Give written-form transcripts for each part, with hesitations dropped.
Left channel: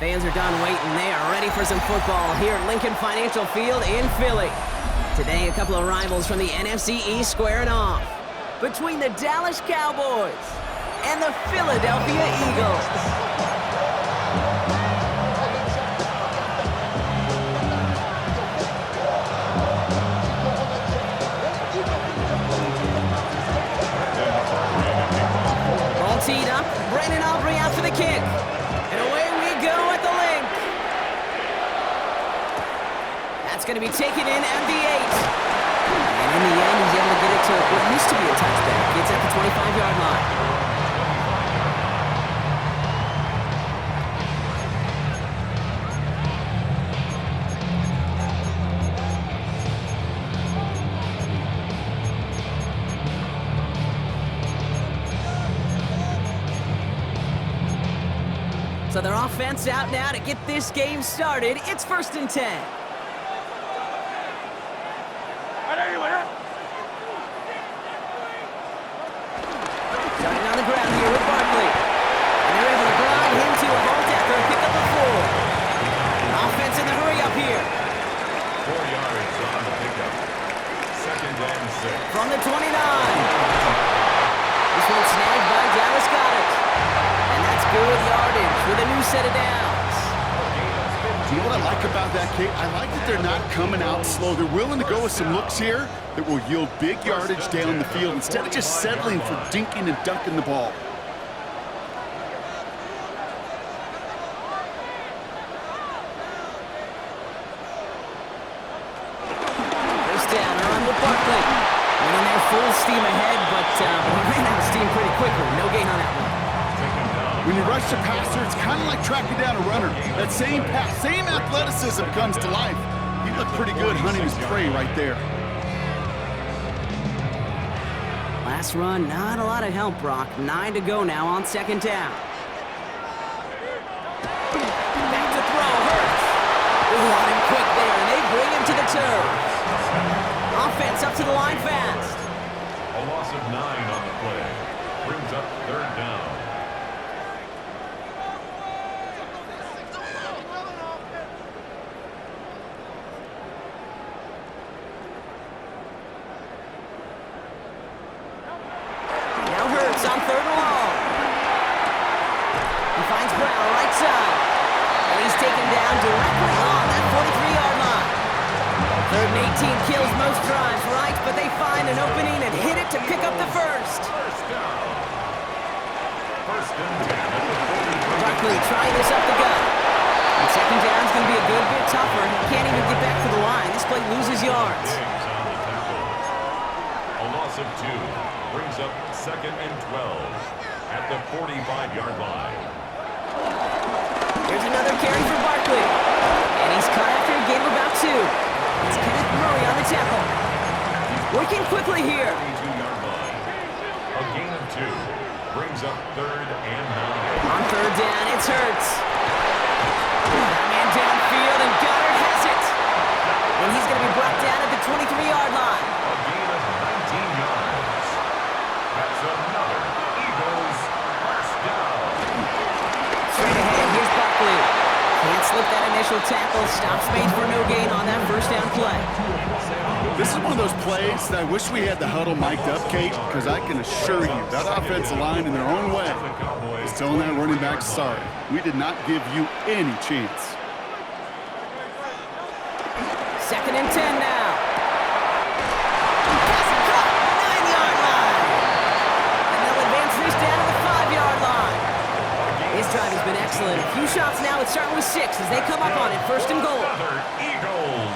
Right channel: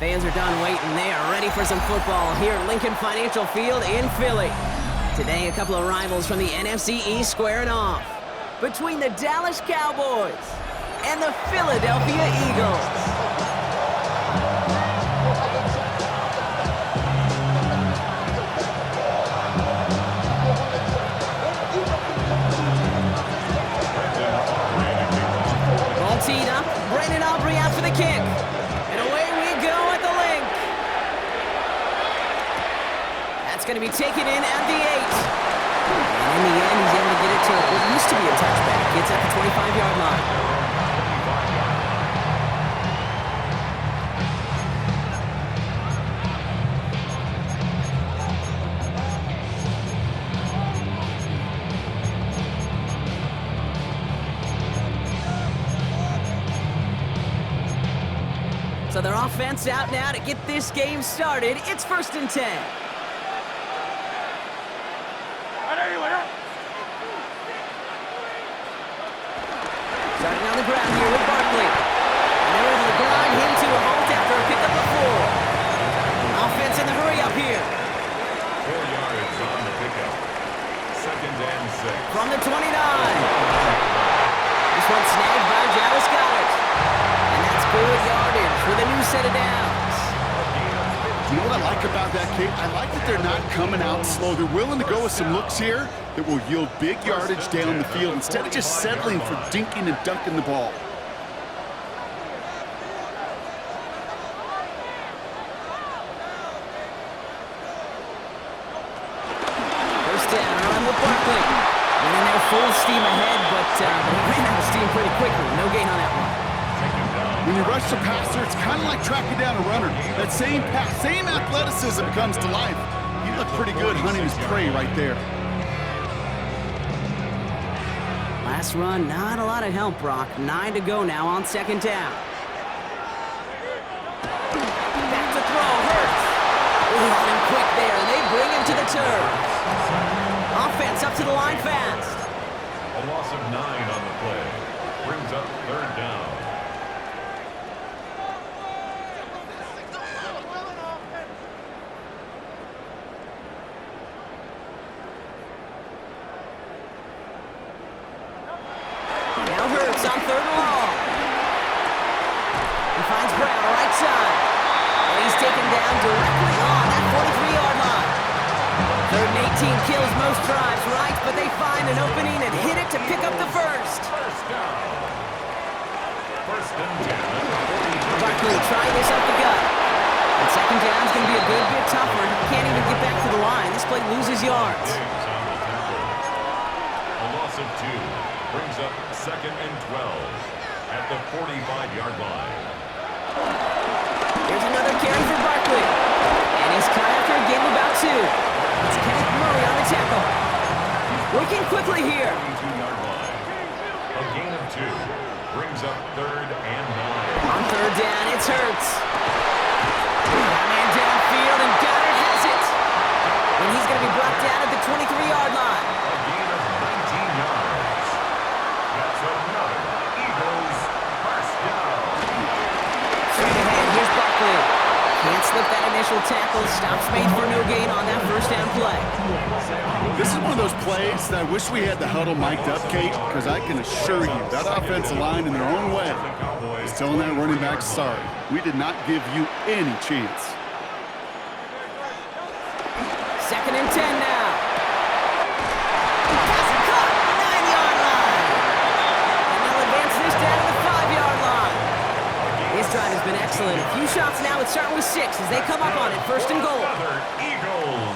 Fans are done waiting. They are ready for some football here at Lincoln Financial Field in Philly. Today, a couple of rivals from the NFC East squaring off. Between the Dallas Cowboys and the Philadelphia Eagles. Ball teed up. Brandon Aubrey out for the kick. And away we go at the link. That's going to be taken in at the 8. And in the end, he's able to get it to what used to be a touchback. It's at the 25-yard line. So their offense out now to get this game started. It's 1st and 10. Starting on the ground here with Barkley. And they're able to grind him to a halt after a pickup of 4. Offense in the hurry up here. 4 yards on the pickup. 2nd and 6. From the 29. This one snagged by Dallas Goedert. And that's good yardage with a new set of downs. You know what I like about that, Kate? I like that they're not coming out slow. They're willing to go with some looks here that will yield big yardage down the field instead of just settling for dinking and dunking the ball. First down, a run with Barkley. Went in there full steam ahead, but he ran out of steam pretty quickly. No gain on that one. When you rush the passer, it's kind of like tracking down a runner. That same pass, same athleticism comes to life. He looked pretty good hunting his prey right there. Last run, not a lot of help, Brock. 9 to go now on 2nd down. Back to throw, Hurts. On him quick there, and they bring him to the turf. Offense up to the line fast. A loss of 9 on the play. Brings up 3rd down. Now Hurts on 3rd and long. He finds Brown right side. And he's taken down directly on that 43-yard line. 3rd and 18 kills most drives, right? But they find an opening and hit it to pick up the first. First down. 1st and 10 at the 43. Barkley trying this up the gut. And 2nd down's going to be a good bit tougher. He can't even get back to the line. This play loses yards. Diggs on the tackle. A loss of 2. Brings up 2nd and 12 at the 45-yard line. Here's another carry for Barkley. And he's caught after a gain of about 2. It's Kenneth Murray on the tackle. Working quickly here. 22-yard line. A gain of 2. Brings up 3rd and 9. On 3rd down, it's Hurts. That man downfield, and Goddard has it. And he's going to be brought down at the 23-yard line. A gain of 19 yards. That's another Eagles first down. Straight ahead, here's Barkley. Can't slip that initial tackle. Stops made for no gain on that 1st down play. This is one of those plays that I wish we had the huddle mic'd up, Kate, because I can assure you that offensive line in their own way is telling that running back, sorry, we did not give you any chance. 2nd and 10 now. Pass caught, 9-yard line. And they'll advance this down to the 5-yard line. This drive has been excellent. A few shots now. It's starting with 6 as they come up on it. 1st and goal. Another Eagles.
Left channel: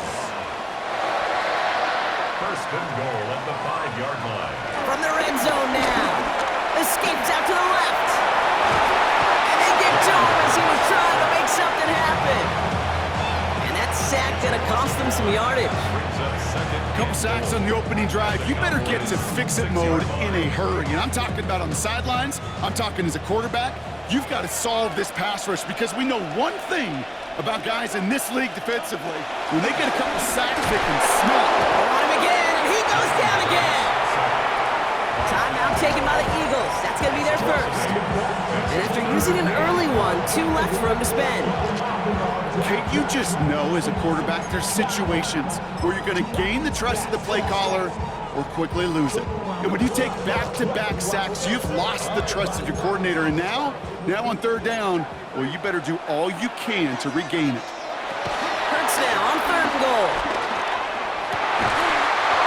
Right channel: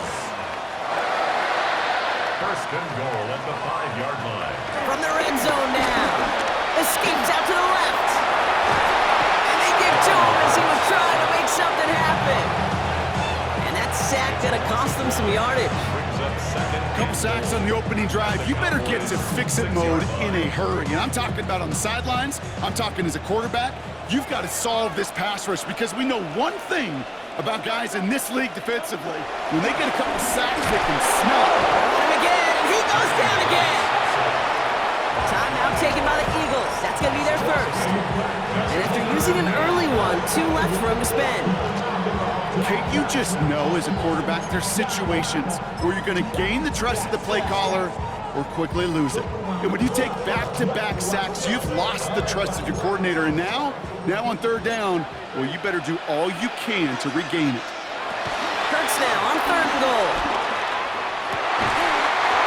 1st and goal at the 5-yard line. From the red zone now. Escapes out to the left. And they get to him as he was trying to make something happen. And that sack gonna cost them some yardage. Brings up 2nd. Couple sacks on the opening drive. You better get to fix-it mode in a hurry. And I'm talking about on the sidelines. I'm talking as a quarterback. You've got to solve this pass rush because we know one thing about guys in this league defensively. When they get a couple sacks, they can smell it. They're on him again, and he goes down again. Timeout taken by the Eagles. That's going to be their first. And after using an early one, 2 left for him to spend. Kate, you just know as a quarterback there's situations where you're going to gain the trust of the play caller or quickly lose it. And when you take back-to-back sacks, you've lost the trust of your coordinator. And now on third down, well, you better do all you can to regain it. Hurts now on 3rd and goal.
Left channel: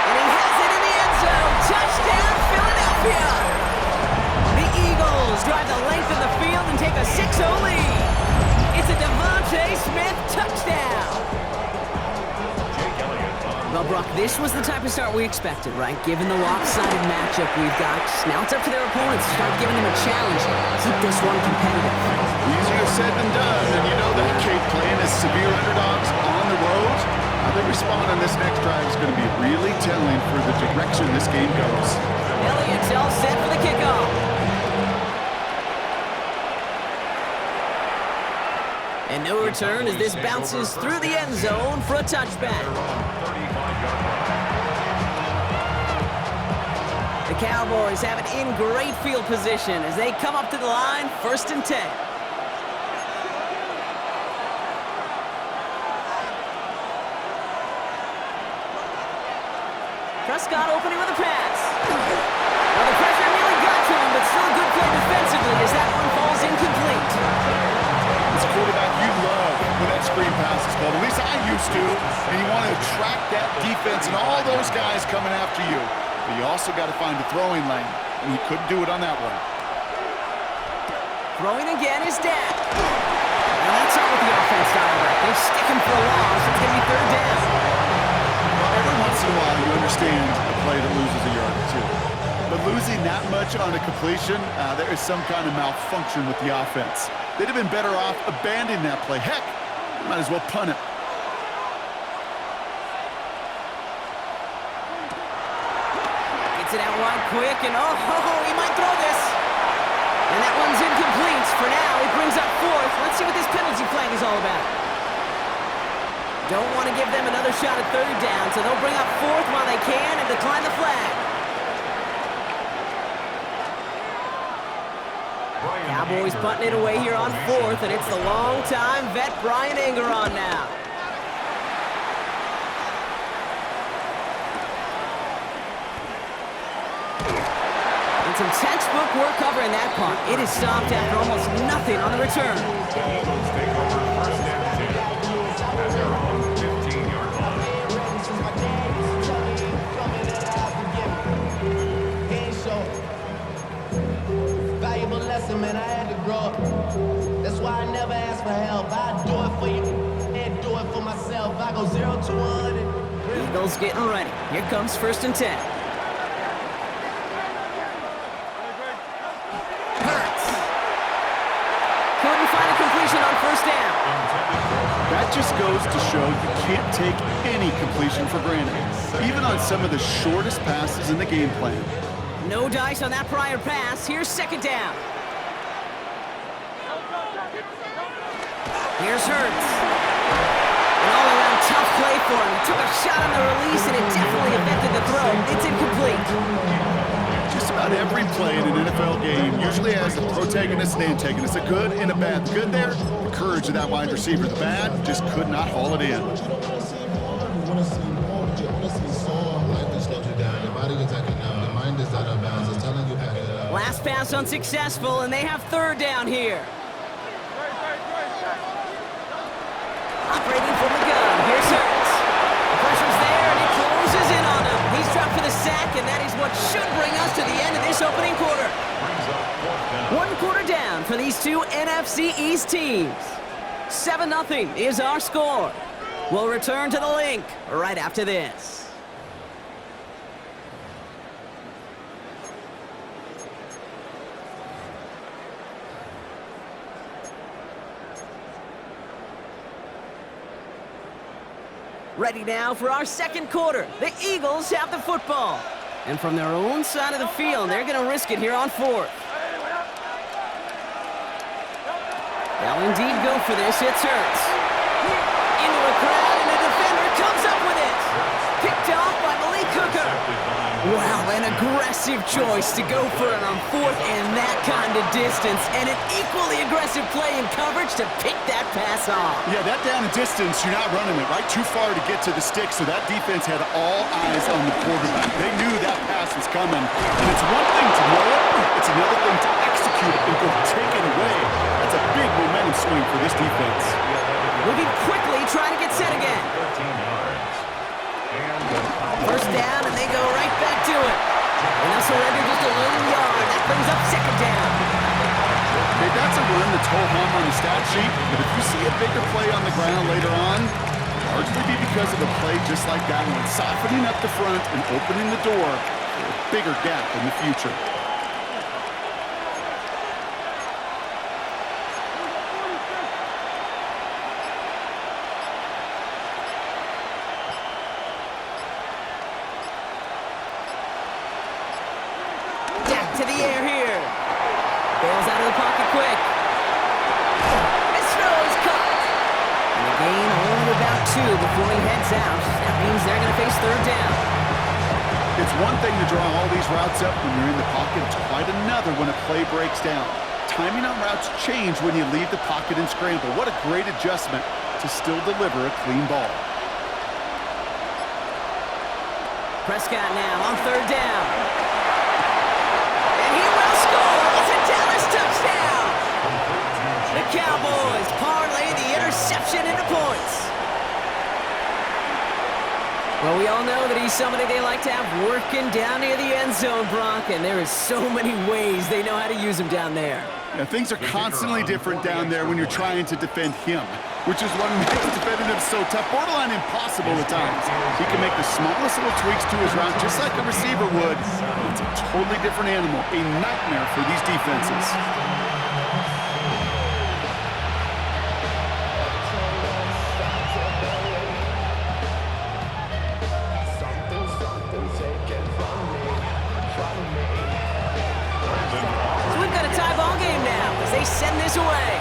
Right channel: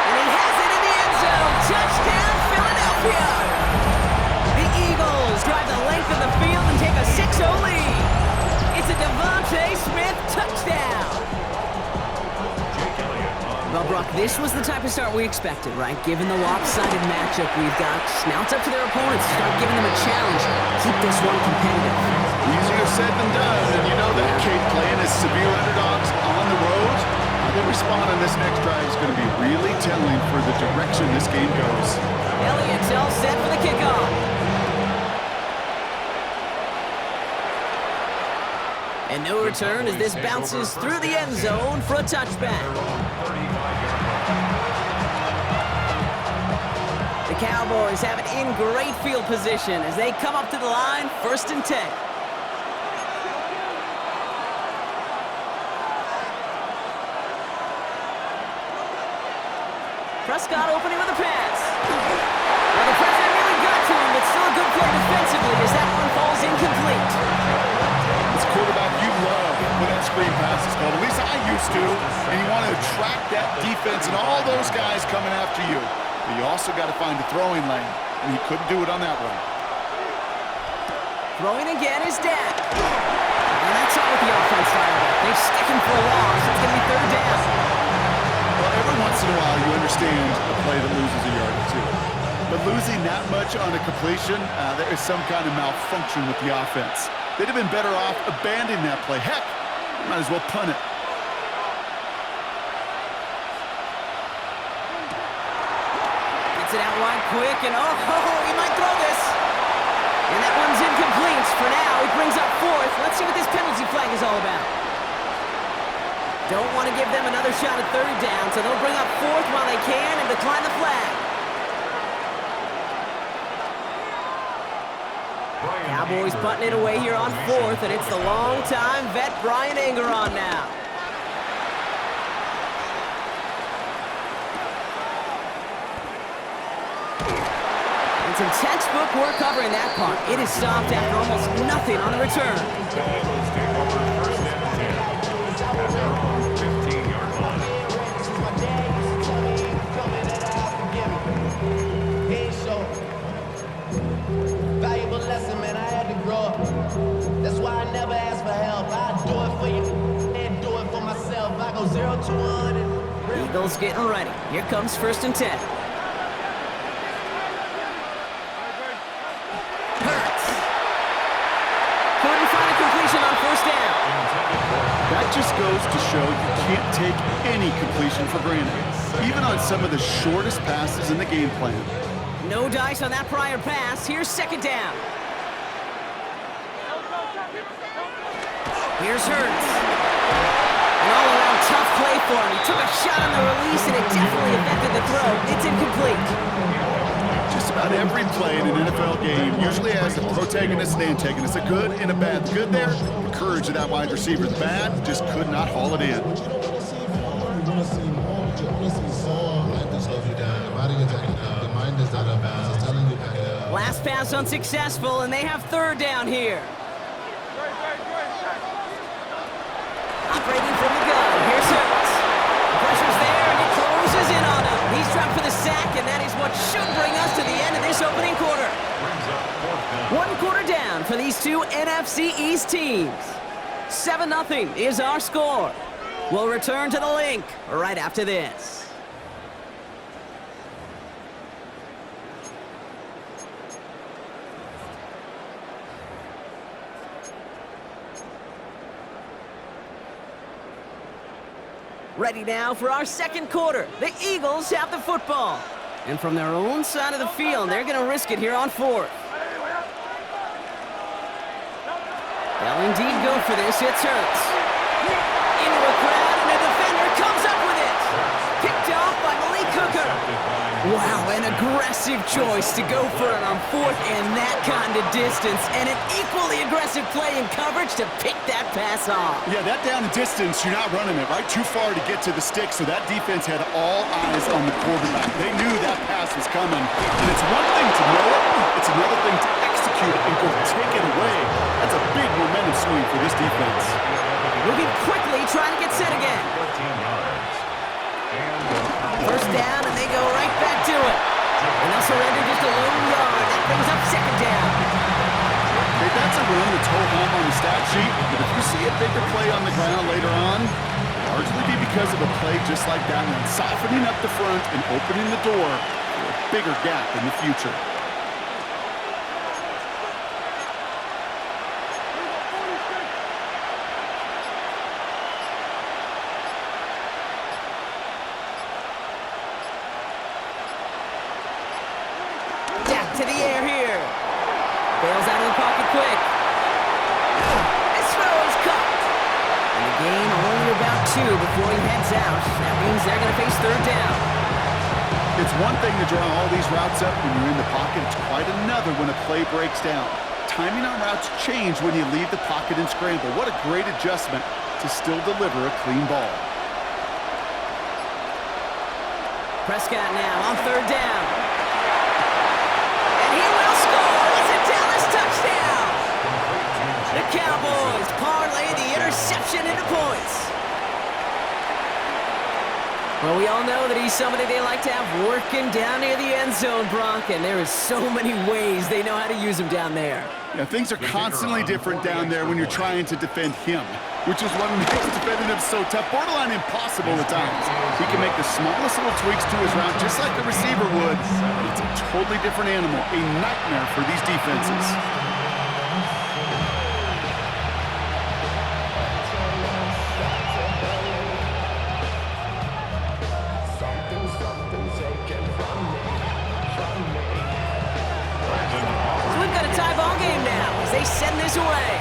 And he has it in the end zone. Touchdown, Philadelphia! The Eagles drive the length of the field and take a 6-0 lead. It's a Devontae Smith touchdown. Well, Brock, this was the type of start we expected, right? Given the lopsided matchup we've got, now it's up to their opponents to start giving them a challenge. Keep this one competitive. Easier said than done, and you know that, Kate, playing as severe underdogs on the road. How they respond on this next drive is going to be really telling for the direction this game goes. Elliott's all set for the kickoff. And no return as this bounces through the end zone for a touchback. The Cowboys have it in great field position as they come up to the line, 1st and 10. Prescott opening with a pass. Well, the pressure nearly got to him, but still a good play defensively as that one falls incomplete. As a quarterback, you love when that screen pass is called. At least I used to. And you want to attract that defense and all those guys coming after you. But you also got to find a throwing lane, and he couldn't do it on that one. Throwing again is Dak. Well, that's not what the offense dialed up. They stick him for a loss. It's going to be 3rd down. Well, every once in a while, you understand a play that loses a yard or two. But losing that much on a completion, there is some kind of malfunction with the offense. They'd have been better off abandoning that play. Heck, you might as well punt it. Gets it out wide quick, and he might throw this. And that one's incomplete. For now, he brings up 4th. Let's see what this penalty flag is all about. Don't want to give them another shot at 3rd down, so they'll bring up 4th while they can and decline the flag. Cowboys punting it away here on 4th, and it's the long-time vet Brian Engeron now. And some textbook work covering that punt. It is stopped after almost nothing on the return. The Eagles take over 1st and 10 at their own 15-yard line. Valuable lesson, man, I had to grow up. That's why I never ask for help. I do it for you and do it for myself. I go 0 to 100. Eagles getting ready. Here comes 1st and 10. Hurts. Couldn't find a completion on 1st down. That just goes to show you can't take any completion for granted, even on some of the shortest passes in the game plan. No dice on that prior pass. Here's 2nd down. Here's Hurts. An all-around tough play for him. He took a shot on the release, and it definitely affected the throw. It's incomplete. Just about every play in an NFL game usually has a protagonist and antagonist, a good and a bad. The good there, the courage of that wide receiver. The bad, just could not haul it in. But you don't want to see more. You want to see more, but you want to see soul. Life just slows you down. Your body gets acting up. Your mind is out of bounds. It's telling you back it up. Last pass unsuccessful, and they have 3rd down here. Operating from the gun. Here's Hurts. The pressure's there, and it closes in on him. He's dropped for the sack, and that is what should bring us to the end of this opening quarter. Brings up 4th down. 1 quarter down for these two NFC East teams. 7-0 is our score. We'll return to the link right after this. Ready now for our 2nd quarter. The Eagles have the football. And from their own side of the field, they're going to risk it here on 4th. They'll indeed go for this. It's Hurts. Into a crowd, and a defender comes up with it. Picked off by Malik Hooker. Wow, an aggressive choice to go for it on fourth and that kind of distance, and an equally aggressive play in coverage to pick that pass off. Yeah, that down and distance, you're not running it, right? Too far to get to the stick, so that defense had all eyes on the quarterback. They knew that pass was coming, and it's one thing to know it, it's another thing to execute it and go take it away. That's a big momentum swing for this defense. Moving quickly, trying to get set again. 13 yards. First down, and they go right back to it. And they'll surrender just a lone yard. That brings up second down. Okay, that's a run that's ho-hum on the stat sheet, but if you see a bigger play on the ground later on, largely be because of a play just like that one, softening up the front and opening the door for a bigger gap in the future. To the air here. Bails out of the pocket quick. This throw is caught. And the gain only about 2 before he heads out. That means they're going to face third down. It's one thing to draw all these routes up when you're in the pocket. It's quite another when a play breaks down. Timing on routes change when you leave the pocket and scramble. What a great adjustment to still deliver a clean ball. Prescott now on third down. And he will score. It's a Dallas touchdown. The Cowboys parlay the interception into points. Well, we all know that he's somebody they like to have working down near the end zone, Brock, and there is so many ways they know how to use him down there. Yeah, things are constantly different down there when you're trying to defend him, which is what makes defending him so tough, borderline impossible at times. He can make the smallest little tweaks to his route just like a receiver would, but it's a totally different animal, a nightmare for these defenses. So we've got a tie ball game now as they send this away.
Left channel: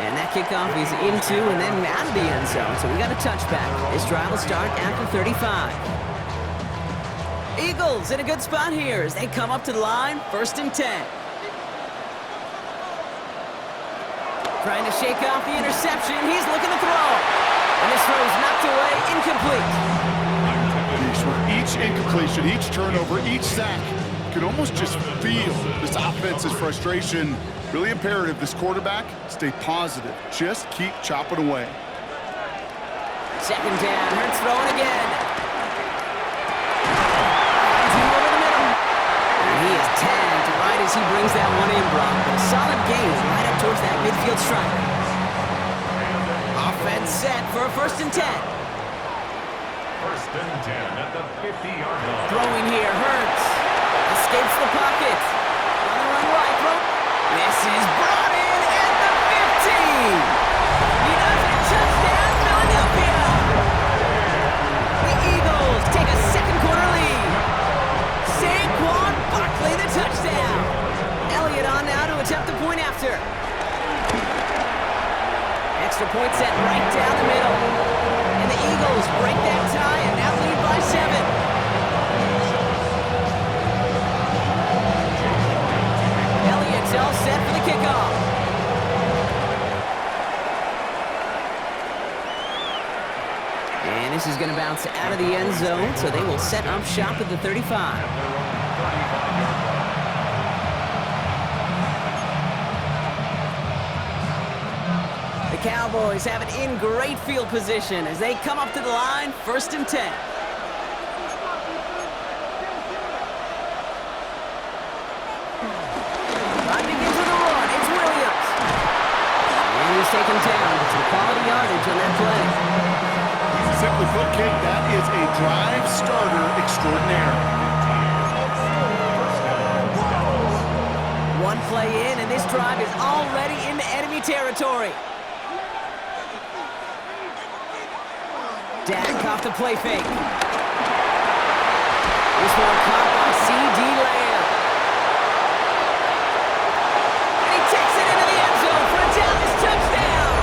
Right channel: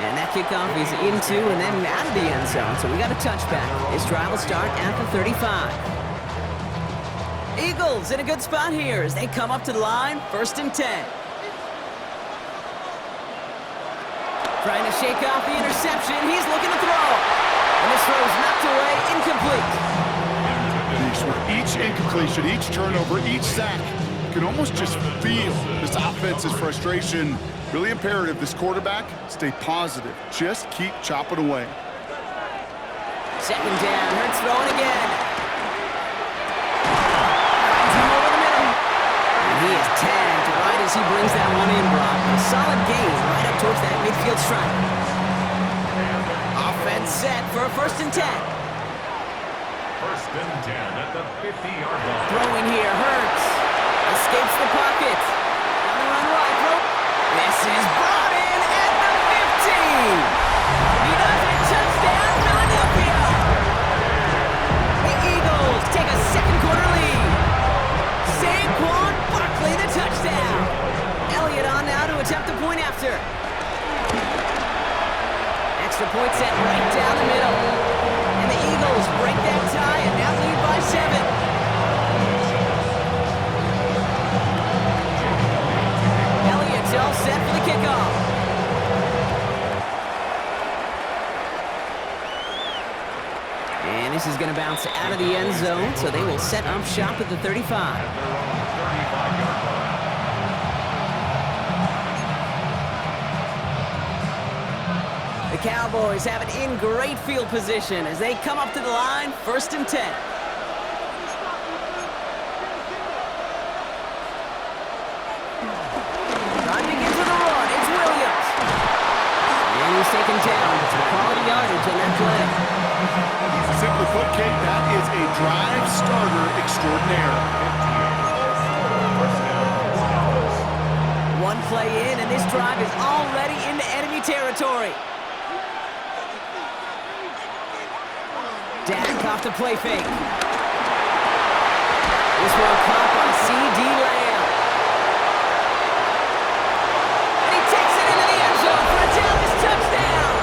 And that kickoff is into and then out of the end zone. So we got a touchback. This drive will start at the 35. Eagles in a good spot here as they come up to the line, 1st and 10. Trying to shake off the interception. He's looking to throw. And this throw is knocked away, incomplete. With each incompletion, each turnover, each sack, you can almost just feel this offense's frustration. Really imperative, this quarterback, stay positive. Just keep chopping away. Second down, Hurts throwing again. Finds him over the middle. And he is tagged right as he brings that one in, Brock. But a solid gain right up towards that midfield stripe. Offense set for a 1st and 10. 1st and 10 at the 50-yard line. Throwing here, Hurts. Escapes the pocket. On the run right, throw. This is brought in at the 15. He does it, touchdown, Philadelphia. The Eagles take a second quarter lead. Saquon Barkley, the touchdown. Elliott on now to attempt the point after. Extra point set right down the middle. And the Eagles break that tie and now lead by 7. Elliott's all set for the kickoff. And this is going to bounce out of the end zone, so they will set up shop at the 35. At their own 35-yard line. The Cowboys have it in great field position as they come up to the line, 1st and 10. Drive begins with a run. It's Williams. And he's taken down. Some quality yardage on that play. Simply put, Kate, that is a drive starter extraordinaire. 1st down, Dallas. One play in, and this drive is already into enemy territory. Dak off the play fake. This one caught by C.D. Lamb. And he takes it into the end zone for a Dallas touchdown.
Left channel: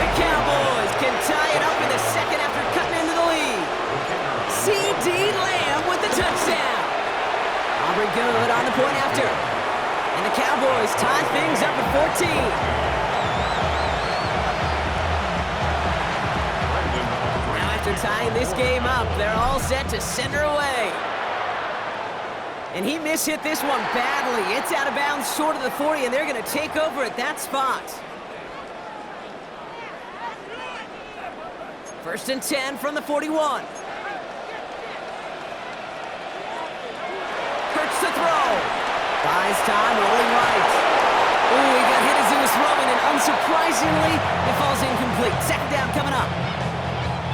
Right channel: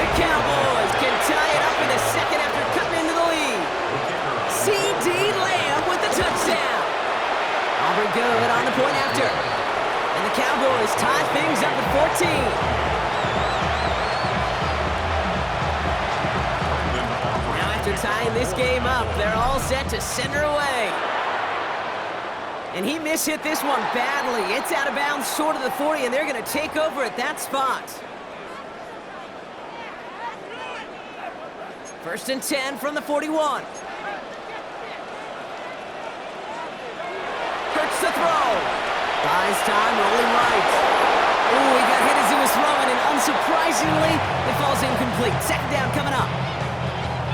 The Cowboys can tie it up in the second after cutting into the lead. C.D. Lamb with the touchdown. Aubrey good on the point after. And the Cowboys tie things up at 14. Now after tying this game up, they're all set to send her away. And he mishit this one badly. It's out of bounds short of the 40, and they're going to take over at that spot. 1st and 10 from the 41. Hurts to throw. Buys time, rolling right. Ooh, he got hit as he was throwing, and unsurprisingly, it falls incomplete. 2nd down coming up.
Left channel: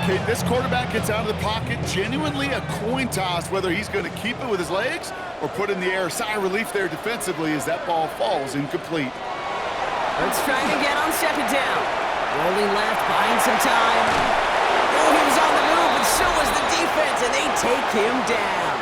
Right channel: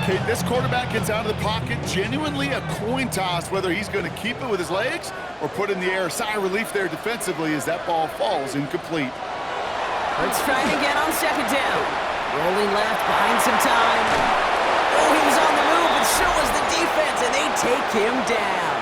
Okay, this quarterback gets out of the pocket, genuinely a coin toss, whether he's going to keep it with his legs or put in the air. Sigh of relief there defensively as that ball falls incomplete. Hurts trying again on 2nd down. Rolling left, buying some time. Oh, he was on the move, but so was the defense, and they take him down.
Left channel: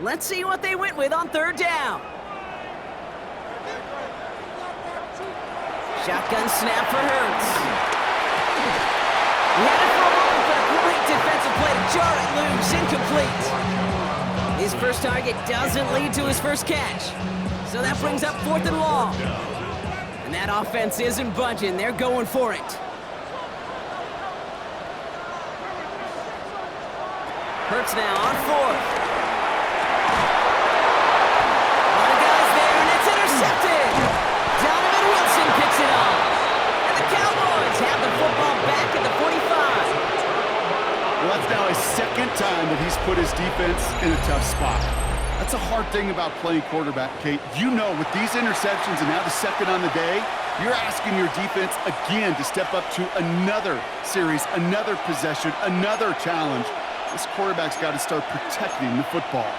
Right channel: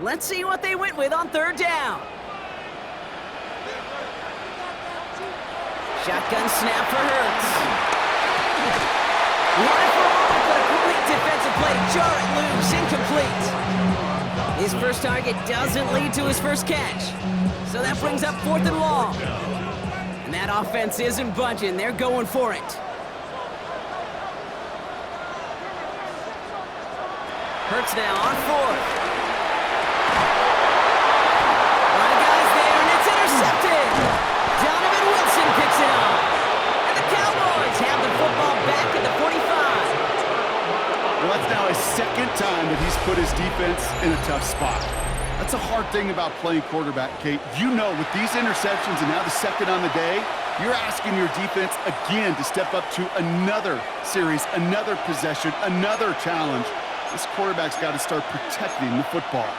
Let's see what they went with on 3rd down. Shotgun snap for Hurts. He had it for a moment, but a great defensive play to jar it loose, incomplete. His first target doesn't lead to his first catch. So that brings up 4th and long. And that offense isn't budging. They're going for it. Hurts now on 4th. Donovan Wilson picks it up. And the Cowboys have the football back at the 45. Well, that's now his 2nd time that he's put his defense in a tough spot. That's a hard thing about playing quarterback, Kate. You know, with these interceptions and now the 2nd on the day, you're asking your defense again to step up to another series, another possession, another challenge. This quarterback's got to start protecting the football.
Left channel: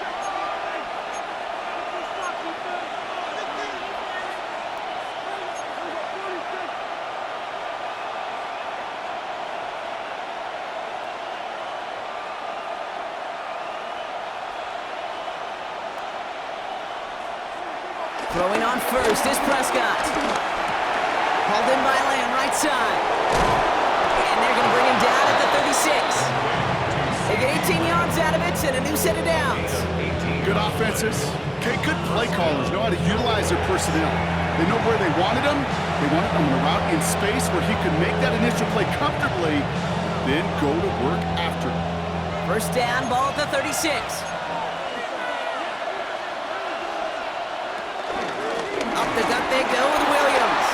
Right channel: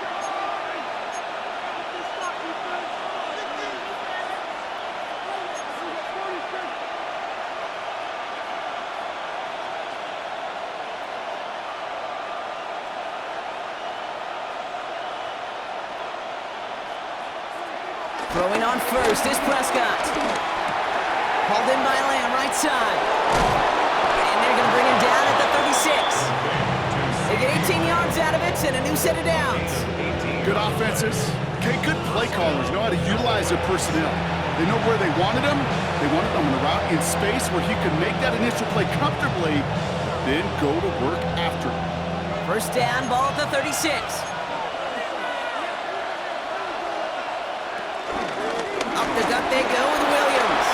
Throwing on 1st is Prescott. Hauled in by Lamb, right side. And they're going to bring him down at the 36. They get 18 yards out of it and a new set of downs. Good offenses. Okay, good play callers know how to utilize their personnel. They know where they wanted him. They wanted him on a route in space where he could make that initial play comfortably, then go to work after it. 1st down, ball at the 36. Up the gut they go with Williams.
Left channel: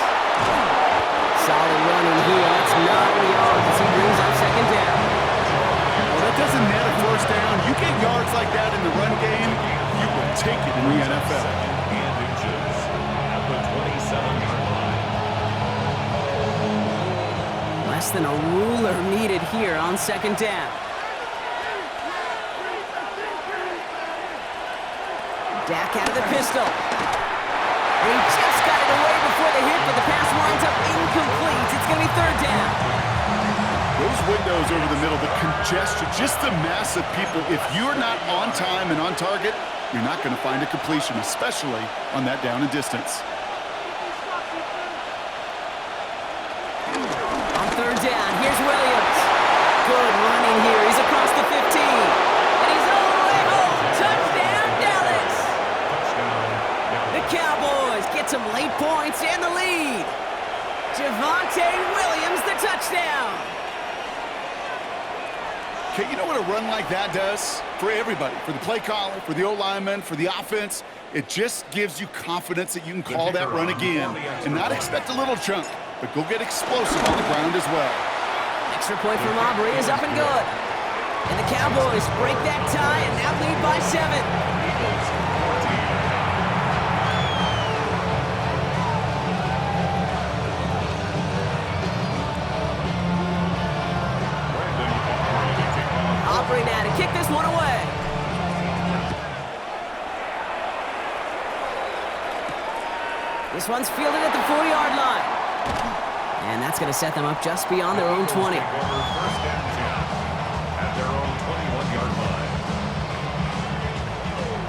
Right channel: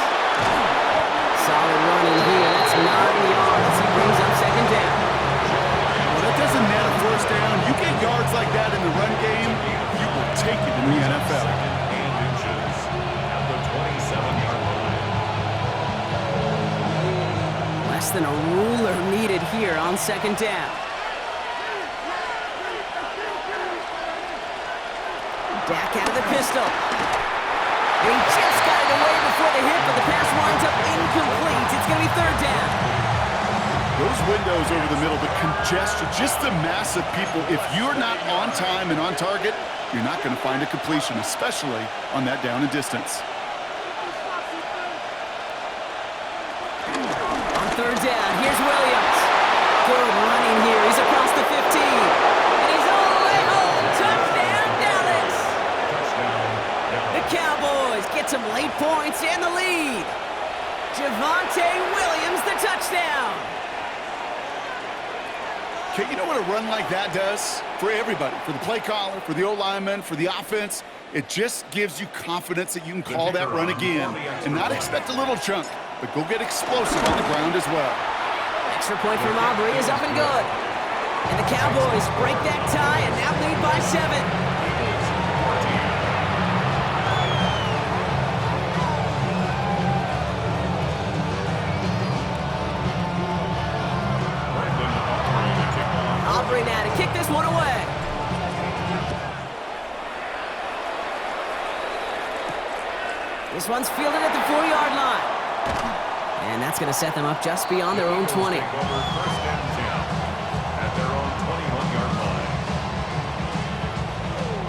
Solid running here. That's 9 yards as he brings up 2nd down. Well, that doesn't net a 1st down. You get yards like that in the run game, you will take it in the NFL. 2nd and inches at the 27-yard line. Less than a ruler needed here on 2nd down. Dak out of the pistol. And he just got it away before the hit, but the pass winds up incomplete. It's going to be 3rd down. Those windows over the middle, the congestion, just the mass of people. If you're not on time and on target, you're not going to find a completion, especially on that down and distance. On 3rd down, here's Williams. Good running here. He's across the 15. And he's all the way home. Touchdown, Dallas. The Cowboys get some late points and the lead. Javonte Williams, the touchdown. Okay, you know what a run like that does? For everybody, for the play caller, for the O-lineman, for the offense, it just gives you confidence that you can call that run again and not expect a little chunk, but go get explosive on the ground as well. Extra point from Aubrey is up and good. And the Cowboys break that tie and now lead by 7. this one away. This one's fielded at the 4-yard line. And that's going to set them up just beyond their own 20. Take over first and 10 at their own 21-yard line.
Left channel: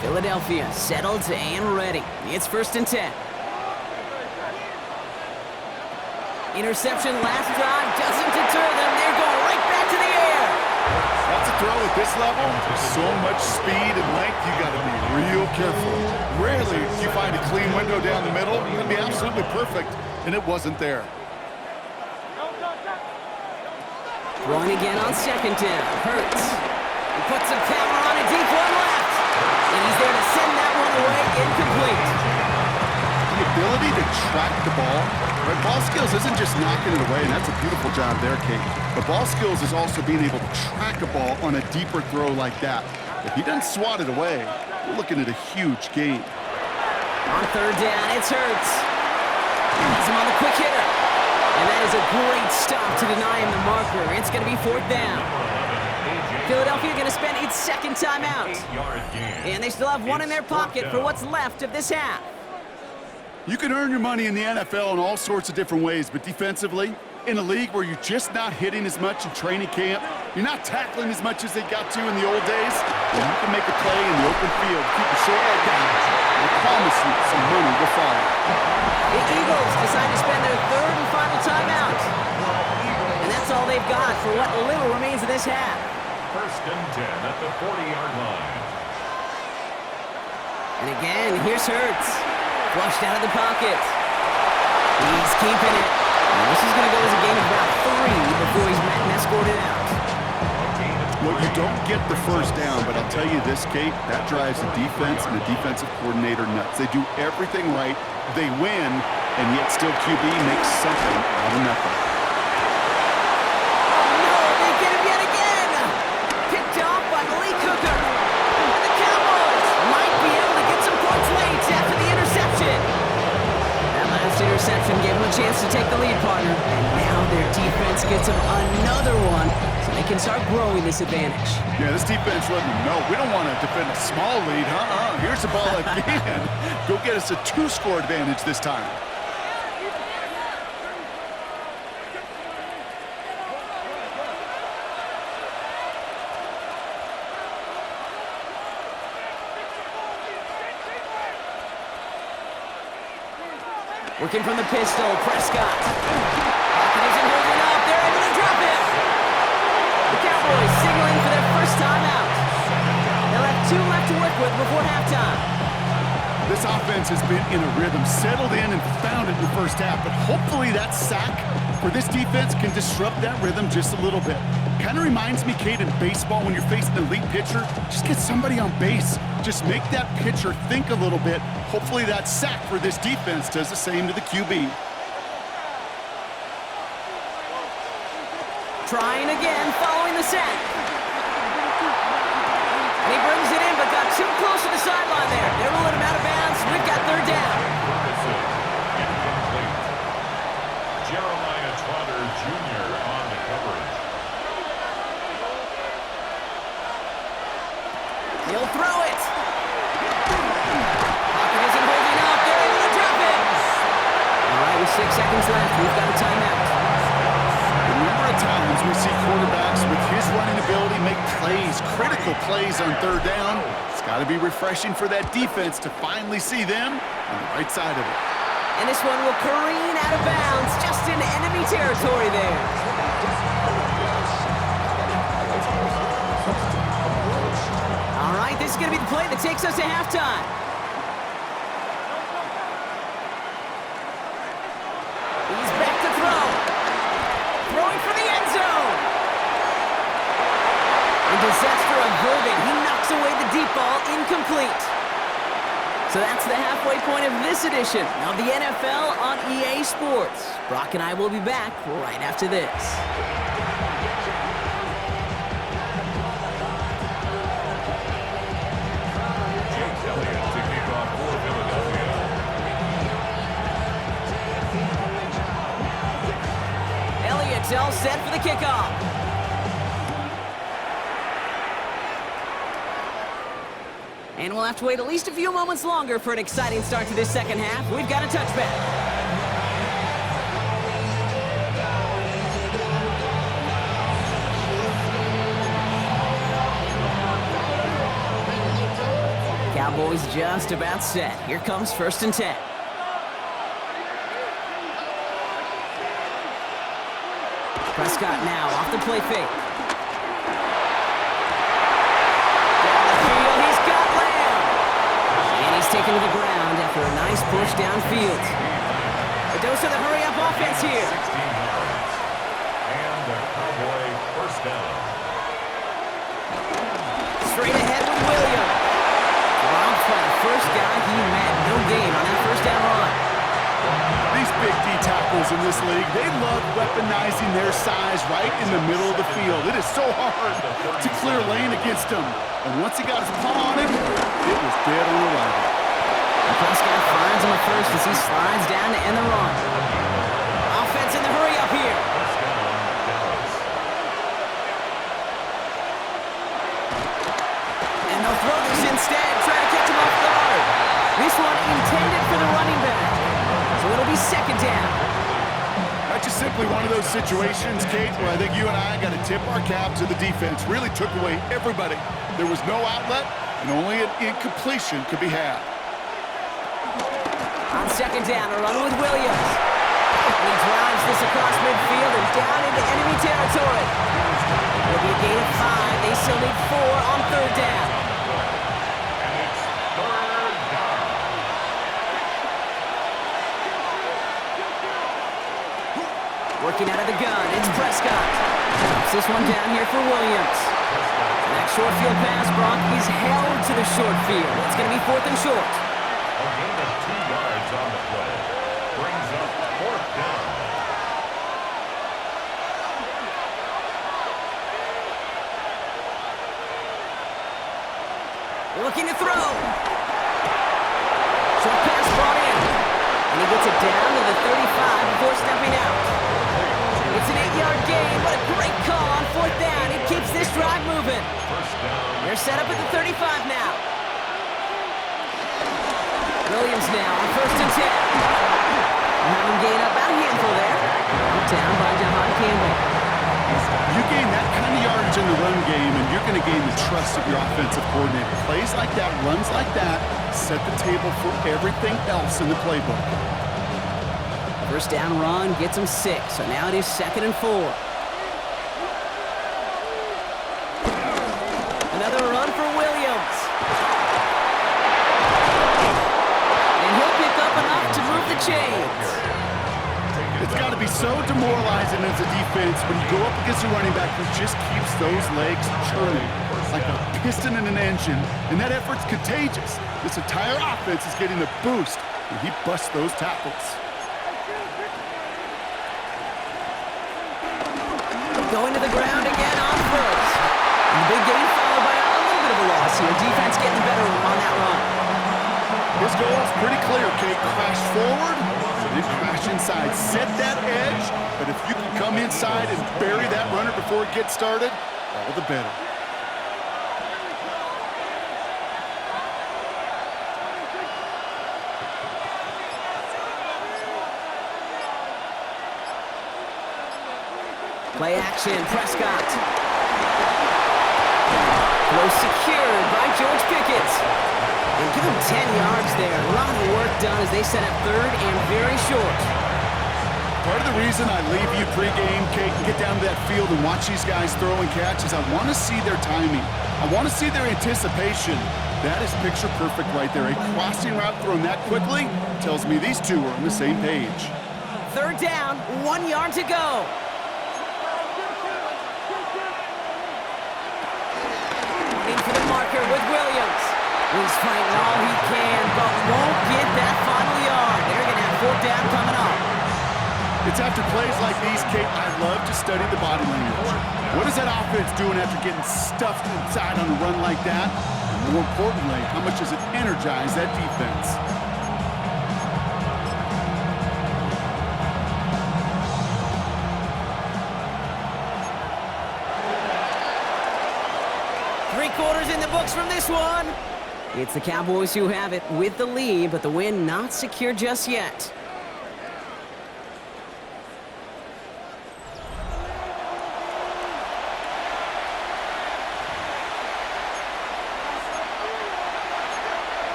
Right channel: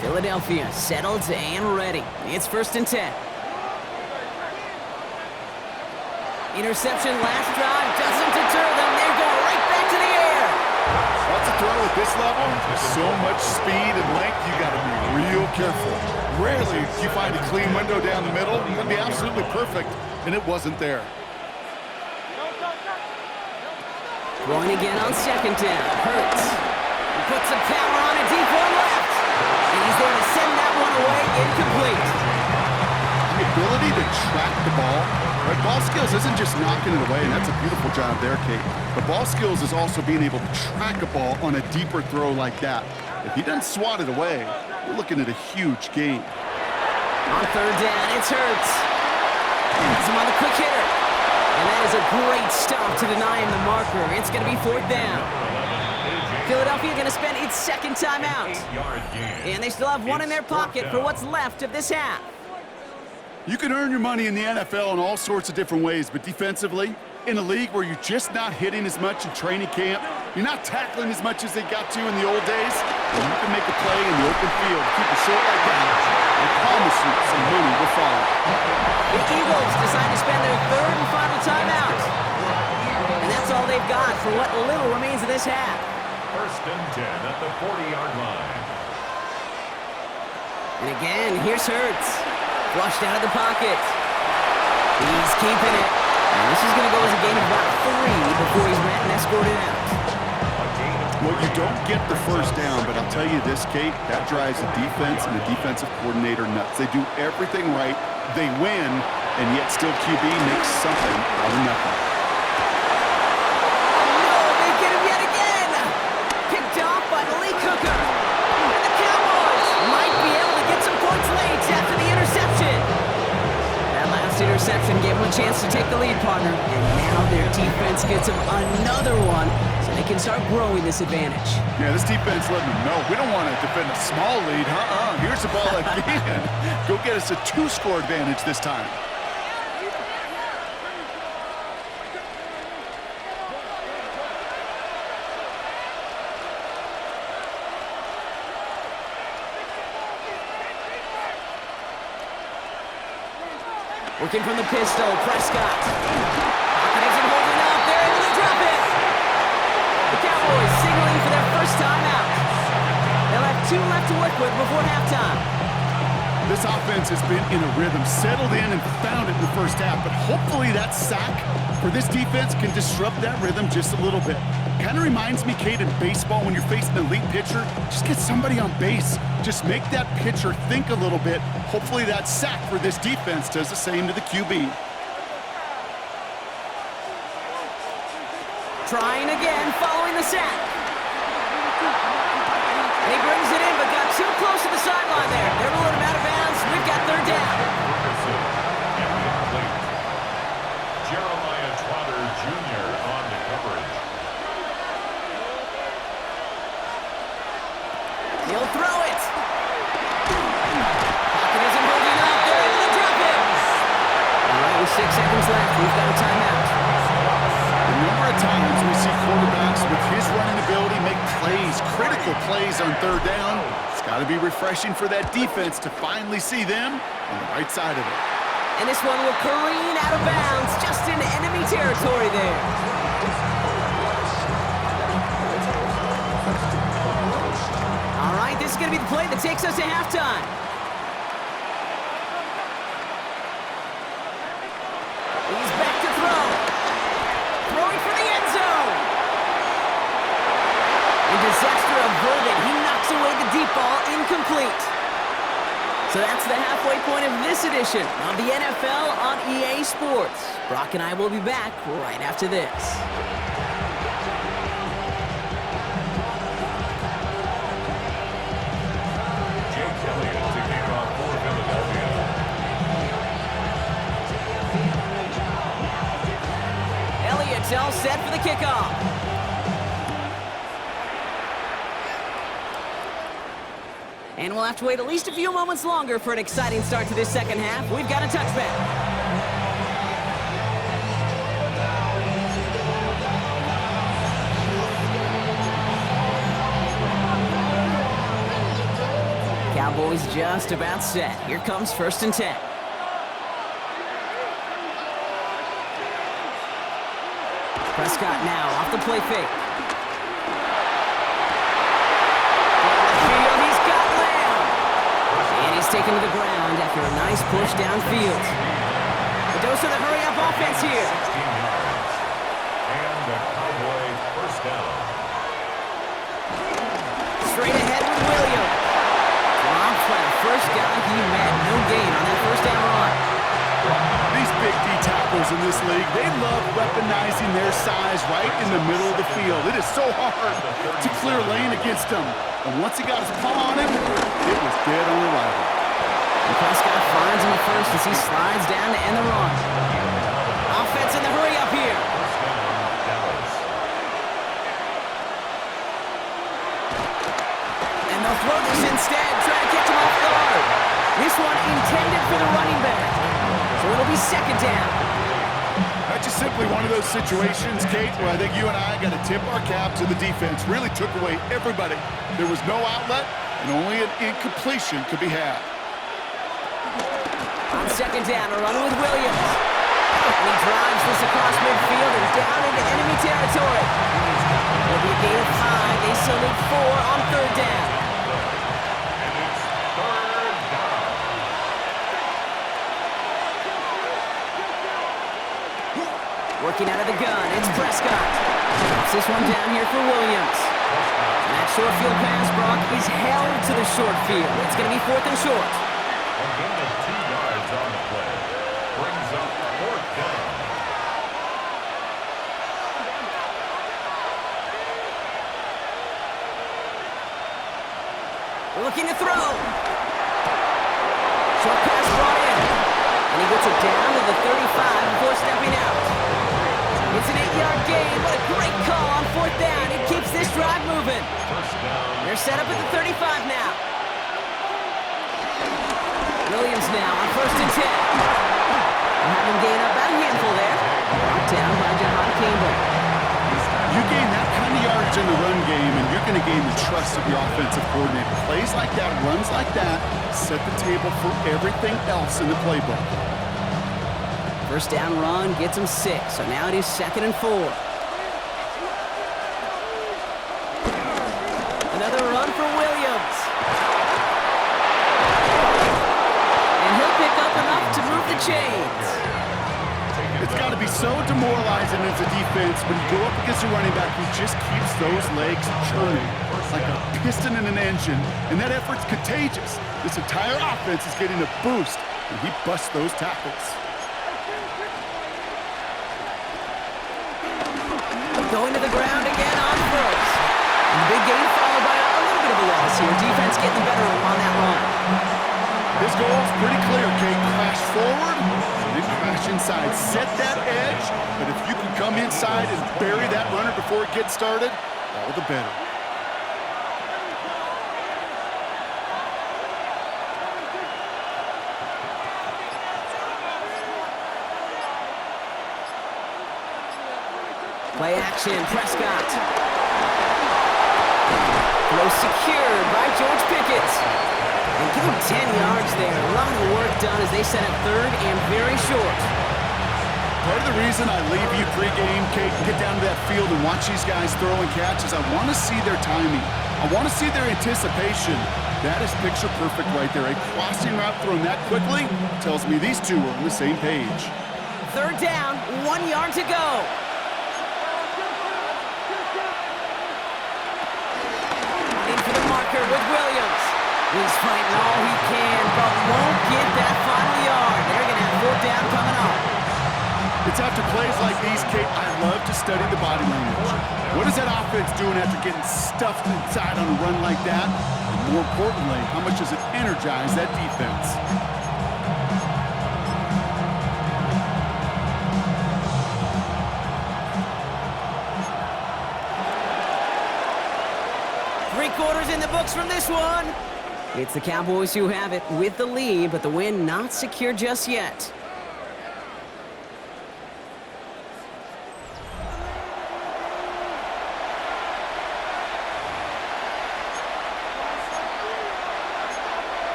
Philadelphia settled and ready. It's first and 10. Interception last drive doesn't deter them. They're going right back to the air. That's a throw at this level. There's so much speed and length, you got to be real careful. Rarely do you find a clean window down the middle. It'd be absolutely perfect, and it wasn't there. Throwing again on second down. Hurts. He puts some power on a deep one left. And he's there to send that one away incomplete. The ability to track the ball, right? Ball skills isn't just knocking it away, and that's a beautiful job there, Kate. But ball skills is also being able to track a ball on a deeper throw like that. If he doesn't swat it away, we're looking at a huge gain. On third down, it's Hurts. He's him on the quick hitter. And that is a great stop to deny him the marker. It's going to be fourth down. Philadelphia going to spend its second timeout. And they still have one in their pocket for what's left of this half. You can earn your money in the NFL in all sorts of different ways, but defensively, in a league where you're just not hitting as much in training camp, you're not tackling as much as they got to in the old days, and you can make a play in the open field, keep it short like that, I promise you some money will follow. The Eagles decide to spend their third and final timeout. And that's all they've got for what little remains of this half. First and 10 at the 40-yard line. And again, here's Hurts. Flushed out of the pocket. He's keeping it. And this is going to go as a gain of about 3 before he's met and escorted out. Well, you don't get the first down, but I'll tell you this, Kate, that drives the defense and the defensive coordinator nuts. They do everything right. They win, and yet still QB makes something out of nothing. Oh, no, they get him yet again. Picked off by Malik Hooker. And the Cowboys might be able to get some points late after the interception. That last interception gave them a chance to take the lead, partner. And now their defense gets them another one, so they can start growing this advantage. Yeah, this defense letting them know we don't want to defend a small lead. Here's the ball again. Go get us a 2-score advantage this time. Working from the pistol, Prescott. Pocket isn't holding up. They're able to drop it. The Cowboys signaling for their first timeout. They'll have 2 left to work with before halftime. This offense has been in a rhythm, settled in and found it in the first half, but hopefully that sack for this defense can disrupt that rhythm just a little bit. Kind of reminds me, Kate, in baseball when you're facing an elite pitcher, just get somebody on base. Just make that pitcher think a little bit. Hopefully that sack for this defense does the same to the QB. Trying again, following the sack. And he brings it in, but got too close to the sideline there. They're ruling him out of bounds. We've got third down. Incomplete. Jeremiah Trotter Jr. on the coverage. He'll throw it. Pocket isn't holding up. They're able to drop it. All right, with 6 seconds left, we've got a timeout. The number of times we see quarterbacks with his running ability make plays, critical plays on third down, it's got to be refreshing for that defense to finally see them on the right side of it. And this one will careen out of bounds, just into enemy territory there. All right, this is going to be the play that takes us to halftime. He's back to throw. Throwing for the end zone. And disaster averted. He knocks away the deep ball, incomplete. So that's the halfway point of this edition of the NFL on EA Sports. Brock and I will be back right after this. Elliott to kick off for Philadelphia. Elliott's all set for the kickoff. And we'll have to wait at least a few moments longer for an exciting start to this second half. We've got a touchback. Cowboys just about set. Here comes 1st and 10. Prescott now off the play fake. Down the field, he's got Lamb. And he's taken to the ground after a nice push downfield. A dose of the hurry-up offense here. 16 yards. And the Cowboy first down. Straight ahead with Williams. Dropped by the first guy he met. No gain on that first down run. These big D tackles in this league, they love weaponizing their size right in the middle of the field. It is so hard to clear lane against him. And once he got his paw on him, it was dead on arrival. And Prescott finds him a first as he slides down to end the run. Offense in the hurry up here. First down, Dallas. And they'll throw this instead, try to catch him off guard. This one intended for the running back. So it'll be 2nd down. That's just simply one of those situations, Kate, where I think you and I got to tip our cap to the defense. Really took away everybody. There was no outlet, and only an incompletion could be had. On 2nd down, a run with Williams. And he drives this across midfield and down into enemy territory. It'll be a gain of 5. They still need 4 on 3rd down. And it's 3rd down. Working out of the gun, it's Prescott. Drops this one down here for Williams. And that short field pass, Brock, is held to the short field. It's going to be 4th and short. A gain of 2 yards on the play. Brings up 4th down. Looking to throw. Short pass brought in. And he gets it down to the 35 before stepping out. It's an 8-yard gain. What a great call on 4th down. It keeps this drive moving. First down. They're set up at the 35 now. Williams now on 1st and 10. We'll have him gain up about a handful there. Down by Jahan Campbell. You gain that kind of yardage in the run game, and you're going to gain the trust of your offensive coordinator. Plays like that, runs like that, set the table for everything else in the playbook. First down run gets him 6, so now it is 2nd and 4. Another run for Williams. And he'll pick up enough to move the chains. It's got to be so demoralizing as a defense when you go up against a running back who just keeps those legs churning like a piston in an engine, and that effort's contagious. This entire offense is getting a boost when he busts those tackles. Going to the ground again on 1st. And the big gain followed by a little bit of a loss here. Defense getting the better of him on that run. His goal is pretty clear, Kate. Crash forward, and then crash inside. Set that edge, but if you can come inside and bury that runner before it gets started, all the better. Play action, Prescott. Throw secured by George Pickett. And give him 10 yards there. A lot of work done as they set up 3rd and very short. Part of the reason I leave you pregame, Kate, and get down to that field and watch these guys throw and catch is I want to see their timing. I want to see their anticipation. That is picture perfect right there. A crossing route thrown that quickly tells me these two are on the same page. 3rd down, 1 yard to go. Running for the marker with Williams. He's fighting all he can, but won't get that final yard. They're going to have 4th down coming up. It's after plays like these, Kate, I love to study the body language. What is that offense doing after getting stuffed inside on a run like that? And more importantly, how much does it energize that defense? Three quarters in the books from this one. It's the Cowboys who have it with the lead, but the win not secure just yet.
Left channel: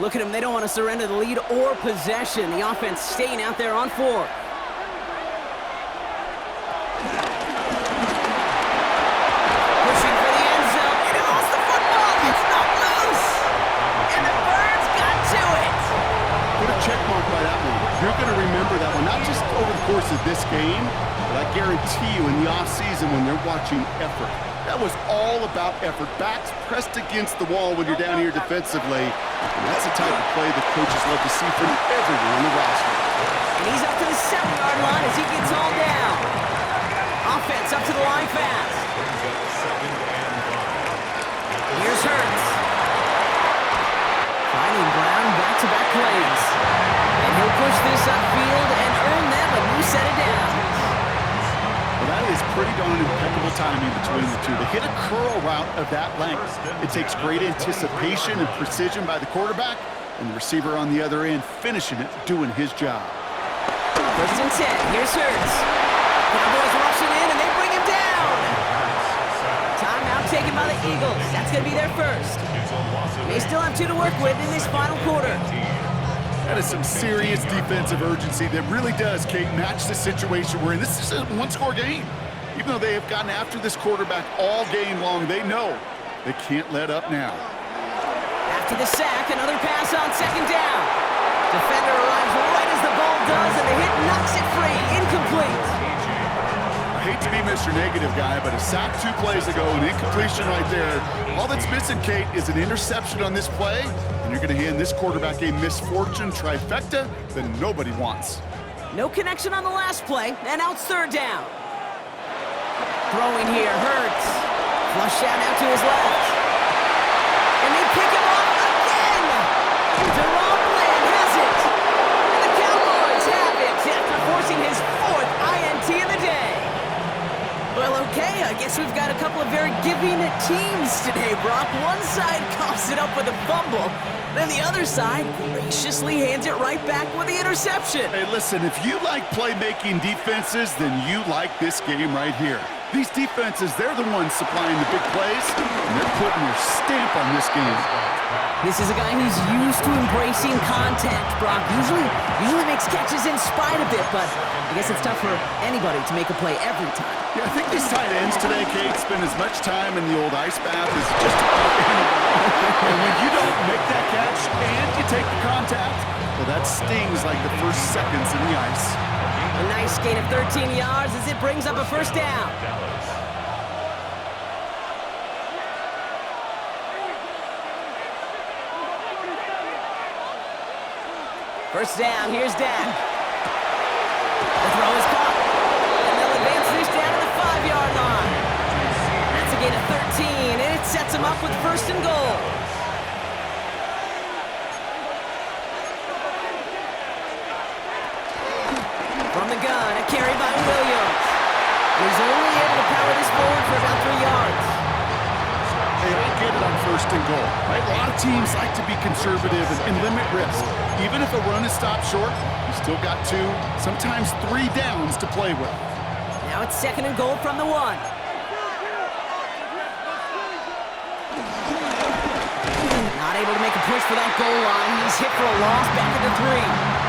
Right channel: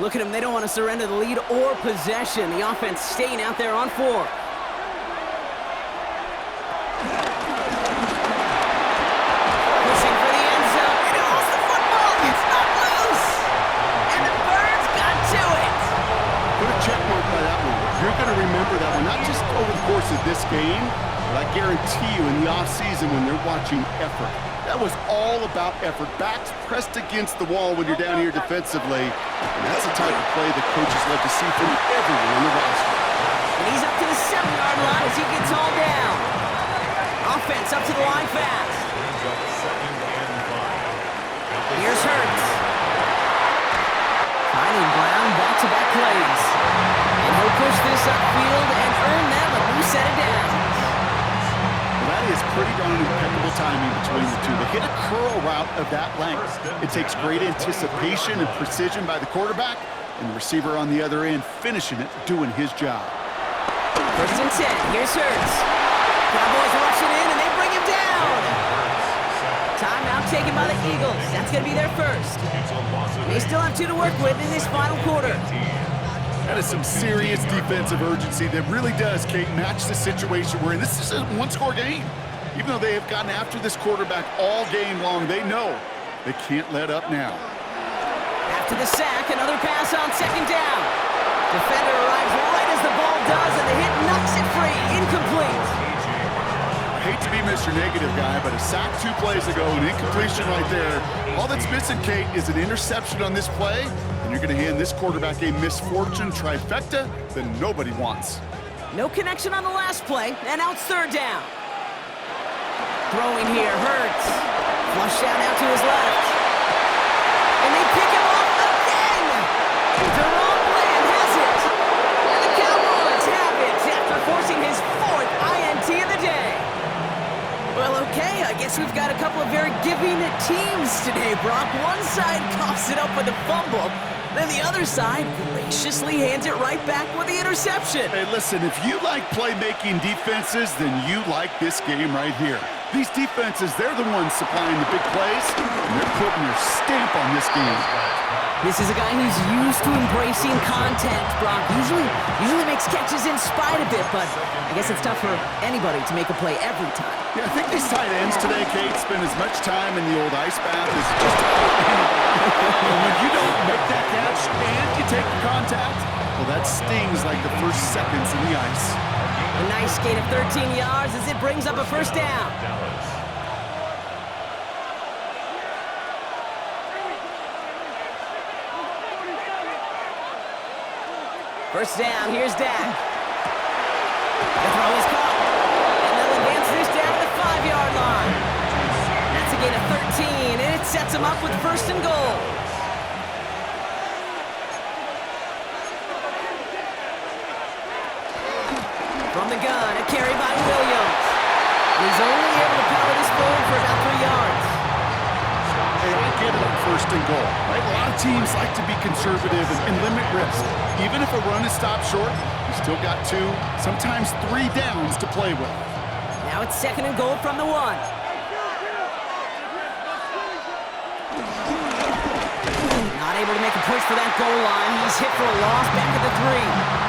Look at them, they don't want to surrender the lead or possession. The offense staying out there on 4. Pushing for the end zone, and he lost the football. It's not loose. And the Birds got to it. Put a check mark by that one. You're going to remember that one, not just over the course of this game, but I guarantee you in the offseason when they're watching effort. That was all about effort. Backs pressed against the wall when you're down here defensively. And that's the type of play the coaches love to see from everyone on the roster. And he's up to the 7-yard line as he gets hauled down. Offense up to the line fast. Brings up 2nd and 5. Here's Hurts. Finding Brown back-to-back plays. And he'll push this upfield and earn them a new set of downs. Well, that is pretty darn impeccable timing between the two. To hit a curl route of that length, it takes great anticipation and precision by the quarterback, and the receiver on the other end finishing it, doing his job. 1st and 10. Here's Hurts. Cowboys rushing in, and they bring him down. Timeout taken by the Eagles. That's going to be their first. They still have 2 to work with in this final quarter. That is some serious defensive urgency that really does, Kate, match the situation we're in. This is a one-score game. Even though they have gotten after this quarterback all game long, they know they can't let up now. After the sack, another pass on 2nd down. Defender arrives right as the ball does, and the hit knocks it free. Incomplete. I hate to be Mr. Negative guy, but a sack 2 plays ago, an incompletion right there. All that's missing, Kate, is an interception on this play, and you're going to hand this quarterback a misfortune trifecta that nobody wants. No connection on the last play, and out 3rd down. Throwing here, Hurts. Flushed out to his left. And they pick him off again! Deron Bland has it! And the Cowboys have it after forcing his 4th INT of the day. Well, okay, I guess we've got a couple of very giving teams today, Brock. One side coughs it up with a fumble, then the other side graciously hands it right back with the interception. Hey, listen, if you like playmaking defenses, then you like this game right here. These defenses, they're the ones supplying the big plays, and they're putting their stamp on this game. This is a guy who's used to embracing contact, Brock. Usually makes catches in spite of it, but I guess it's tough for anybody to make a play every time. Yeah, I think these tight ends today, Kate, spend as much time in the old ice bath as just about anybody. And when you don't make that catch and you take the contact, well, that stings like the first seconds in the ice. A nice gain of 13 yards as it brings up a 1st down. First down, here's Dak. The throw is caught. And they'll advance this down to the 5-yard line. That's a gain of 13, and it sets them up with 1st and goal. From the gun, a carry by Williams. And he's only able to power this forward for about 3 yards. Hey, I get it on 1st and goal, right? A lot of teams like to be conservative and limit risk. Even if a run is stopped short, you still got 2, sometimes 3 downs to play with. Now it's 2nd and goal from the 1. Not able to make a push for that goal line. He's hit for a loss back at the 3.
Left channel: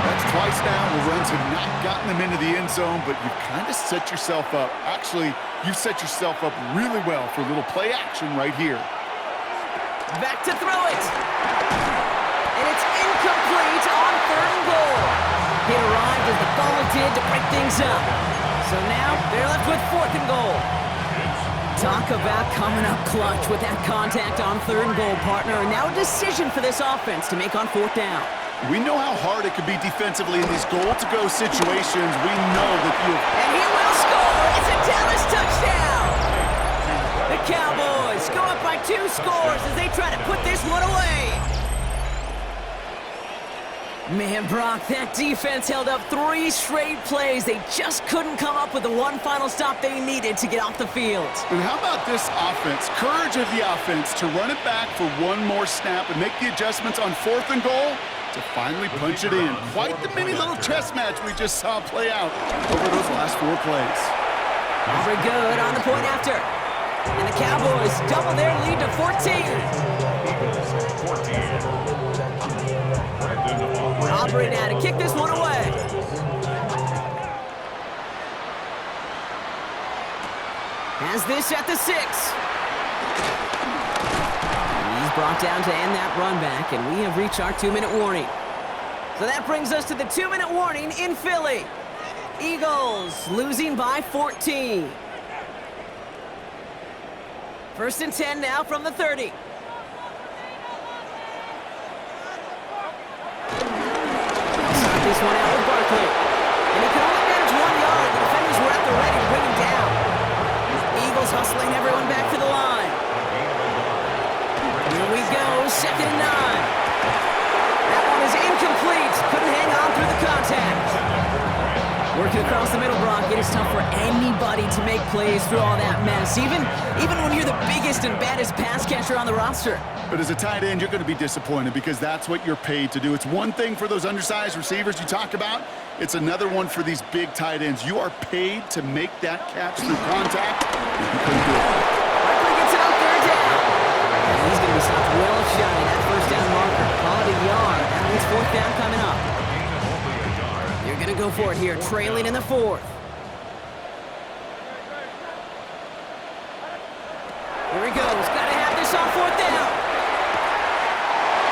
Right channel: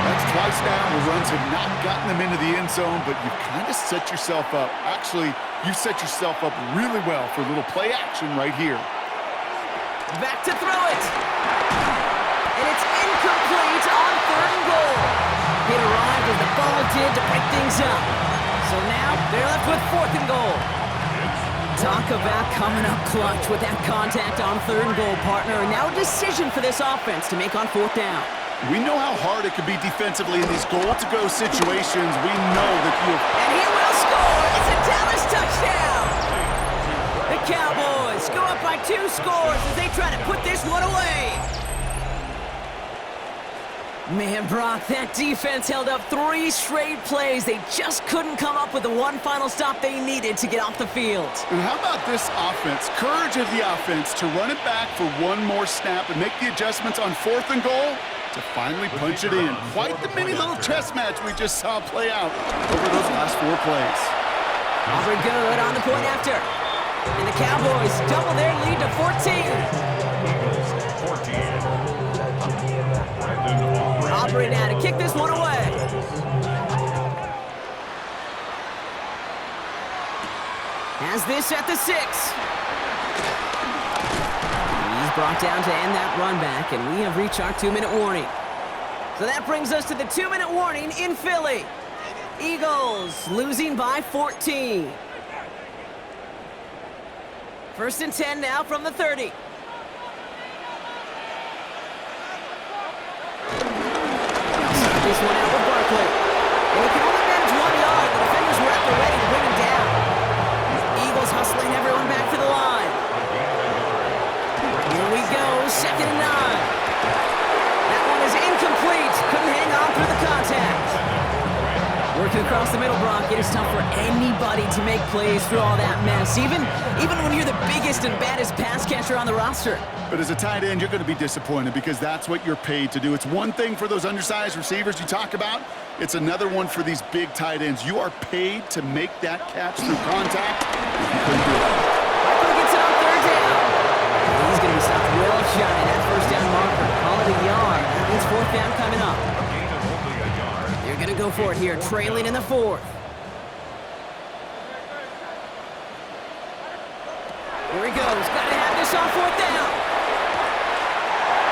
That's twice now where runs have not gotten them into the end zone, but you've kind of set yourself up. Actually, you've set yourself up really well for a little play action right here. Back to throw it. And it's incomplete on 3rd and goal. It arrived as the ball did to break things up. So now they're left with 4th and goal. Talk about coming up clutch with that contact on 3rd and goal, partner. And now a decision for this offense to make on 4th down. We know how hard it can be defensively in these goal-to-go situations. We know that you... And he will score! It's a Dallas touchdown! The Cowboys go up by 2 2 scores as they try to put this one away. Man, Brock, that defense held up 3 straight plays. They just couldn't come up with the one final stop they needed to get off the field. And how about this offense? Courage of the offense to run it back for one more snap and make the adjustments on 4th and goal to finally punch it in. Quite the mini little chess match we just saw play out over those last 4 plays. Aubrey good on the point after. And the Cowboys double their lead to 14. Eagles 14. Aubrey now to kick this one away. Has this at the 6. He's brought down to end that run back, and we have reached our 2-minute warning. So that brings us to the 2-minute warning in Philly. Eagles losing by 14. 1st and 10 now from the 30. This one out with Barkley. And he can only manage 1 yard. The defenders were at the ready to bring him down. Eagles hustling everyone back to the line. Here we go, 2nd and 9. That one is incomplete. Couldn't hang on through the contact. Working across the middle, Brock, it is tough for anybody to make plays through all that mess, even when you're the biggest and baddest pass catcher on the roster. But as a tight end, you're going to be disappointed because that's what you're paid to do. It's one thing for those undersized receivers you talk about. It's another one for these big tight ends. You are paid to make that catch through contact. You couldn't do it. Barkley gets it on 3rd down. And he's going to be stopped well shy. That 1st down marker. Call it a yard. That means 4th down coming up. A gain of only a yard. They're going to go for it here, trailing in the 4th. Here he goes. Got to have this on 4th down.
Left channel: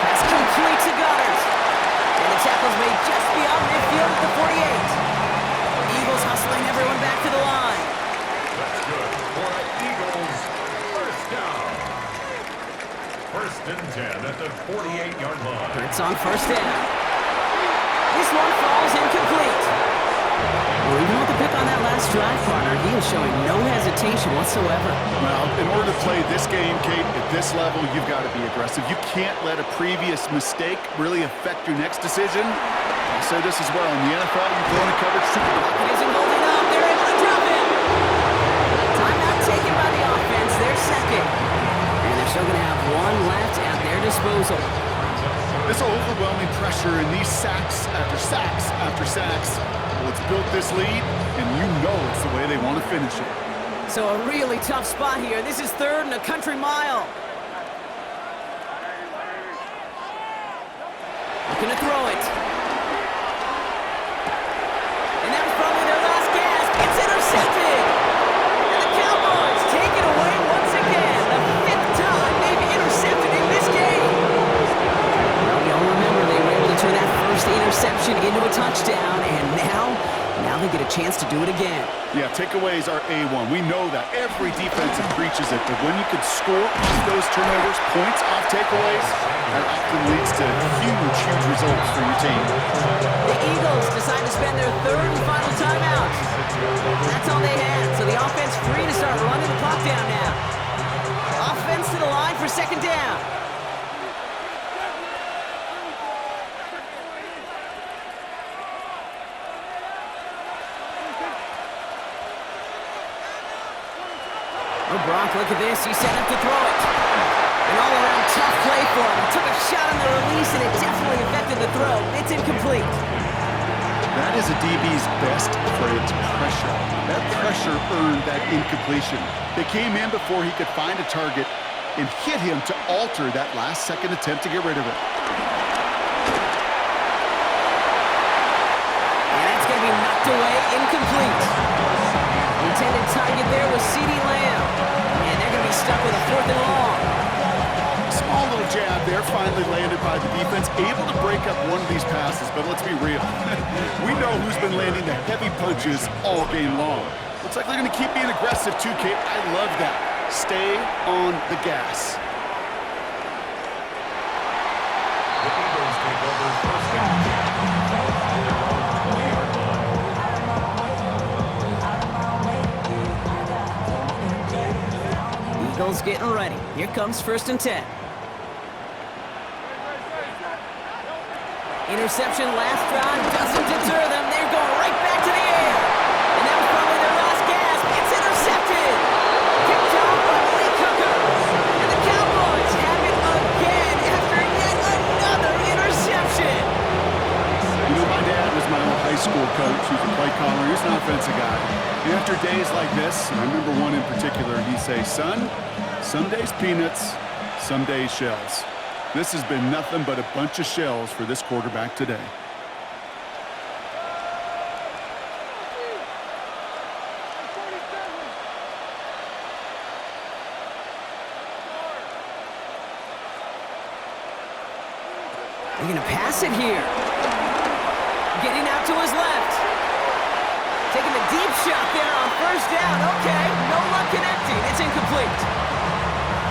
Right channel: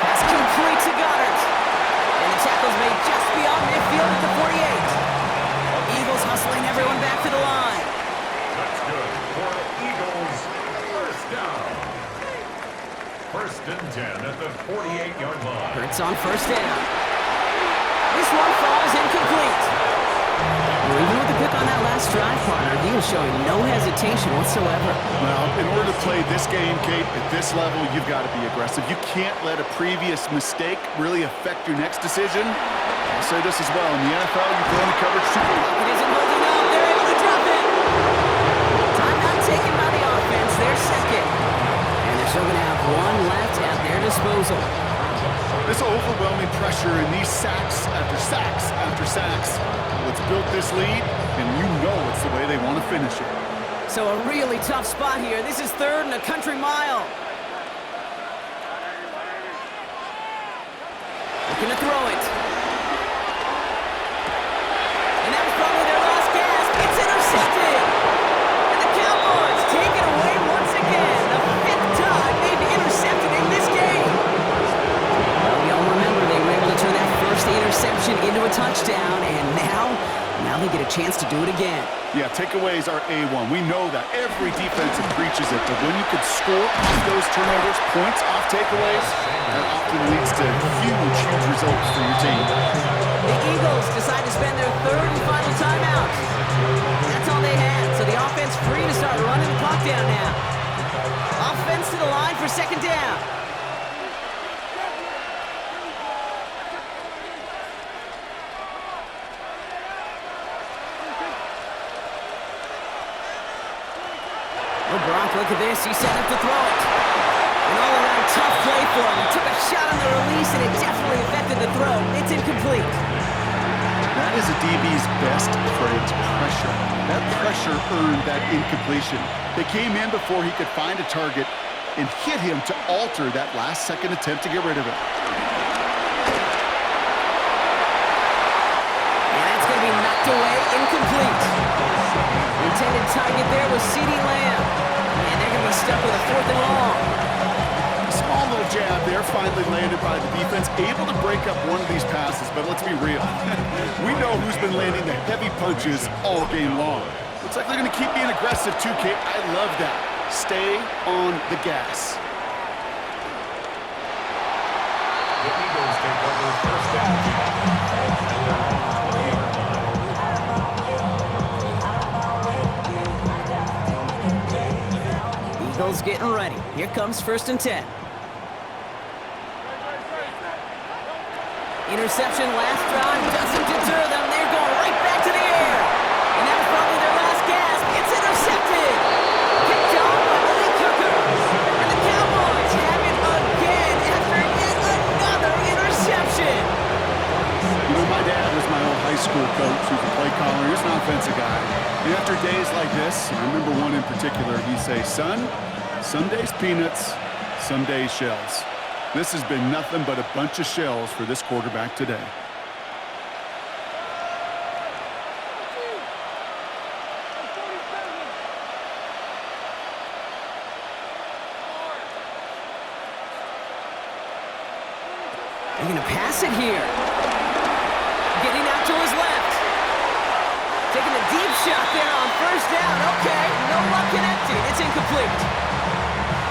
Pass complete to Goddard. And the tackle's made just beyond midfield at the 48. Eagles hustling everyone back to the line. That's good for the Eagles. 1st down. 1st and 10 at the 48-yard line. Hurts on 1st down. This one falls incomplete. Well, even with the pick on that last drive, partner, he is showing no hesitation whatsoever. Well, in order to play this game, Kate, at this level, you've got to be aggressive. You can't let a previous mistake really affect your next decision. I'll say this as well. In the NFL, you're throwing a coverage too. Pocket isn't holding up. They're able to drop it. Timeout taken by the offense. They're 2nd. And they're still going to have 1 left at their disposal. This overwhelming pressure and these sacks after sacks after sacks, well, it's built this lead, and you know it's the way they want to finish it. So a really tough spot here. This is 3rd and a country mile. Looking to throw it. And that was probably their last gasp. It's intercepted. And the Cowboys take it away once again. The 5th time they've intercepted in this game. Well, we all remember they were able to turn that first interception into a touchdown, and now they get a chance to do it again. Yeah, takeaways are A1. We know that. Every defensive preaches it, but when you could score off those turnovers, points off takeaways, that often leads to huge, huge results for your team. The Eagles decide to spend their 3rd and final timeout. That's all they had, so the offense free to start running the clock down now. Offense to the line for 2nd down. Oh, Brock, look at this. He's set up to throw it. An all-around tough play for him. He took a shot on the release, and it definitely affected the throw. It's incomplete. That is a DB's best phrase, pressure. That pressure earned that incompletion. They came in before he could find a target and hit him to alter that last-second attempt to get rid of it. And that's going to be knocked away, incomplete. The intended target there was CeeDee Lamb. And they're going to be stuck with a 4th and long. Small little jab there, finally landed by the defense, able to break up one of these passes, but let's be real. We know who's been landing the heavy punches all game long. Looks like they're going to keep being aggressive too, Kate. I love that. Stay on the gas. The Eagles take over 1st and 10 at their own 20-yard line. Hill's getting ready. Here comes 1st and 10. Interception last drive doesn't deter them. They're going right back to the air. And that was probably their last gasp. It's intercepted. Picked off by Malik Cooker. And the Cowboys have it again after yet another interception. You know, my dad was my old high school coach. He was a play caller. He was an offensive guy. And after days like this, and I remember one in particular, he'd say, son, some days peanuts, some days shells. This has been nothing but a bunch of shells for this quarterback today. They're going to pass it here. Getting out to his left. Taking a deep shot there on 1st down. Okay, no luck connecting. It's incomplete.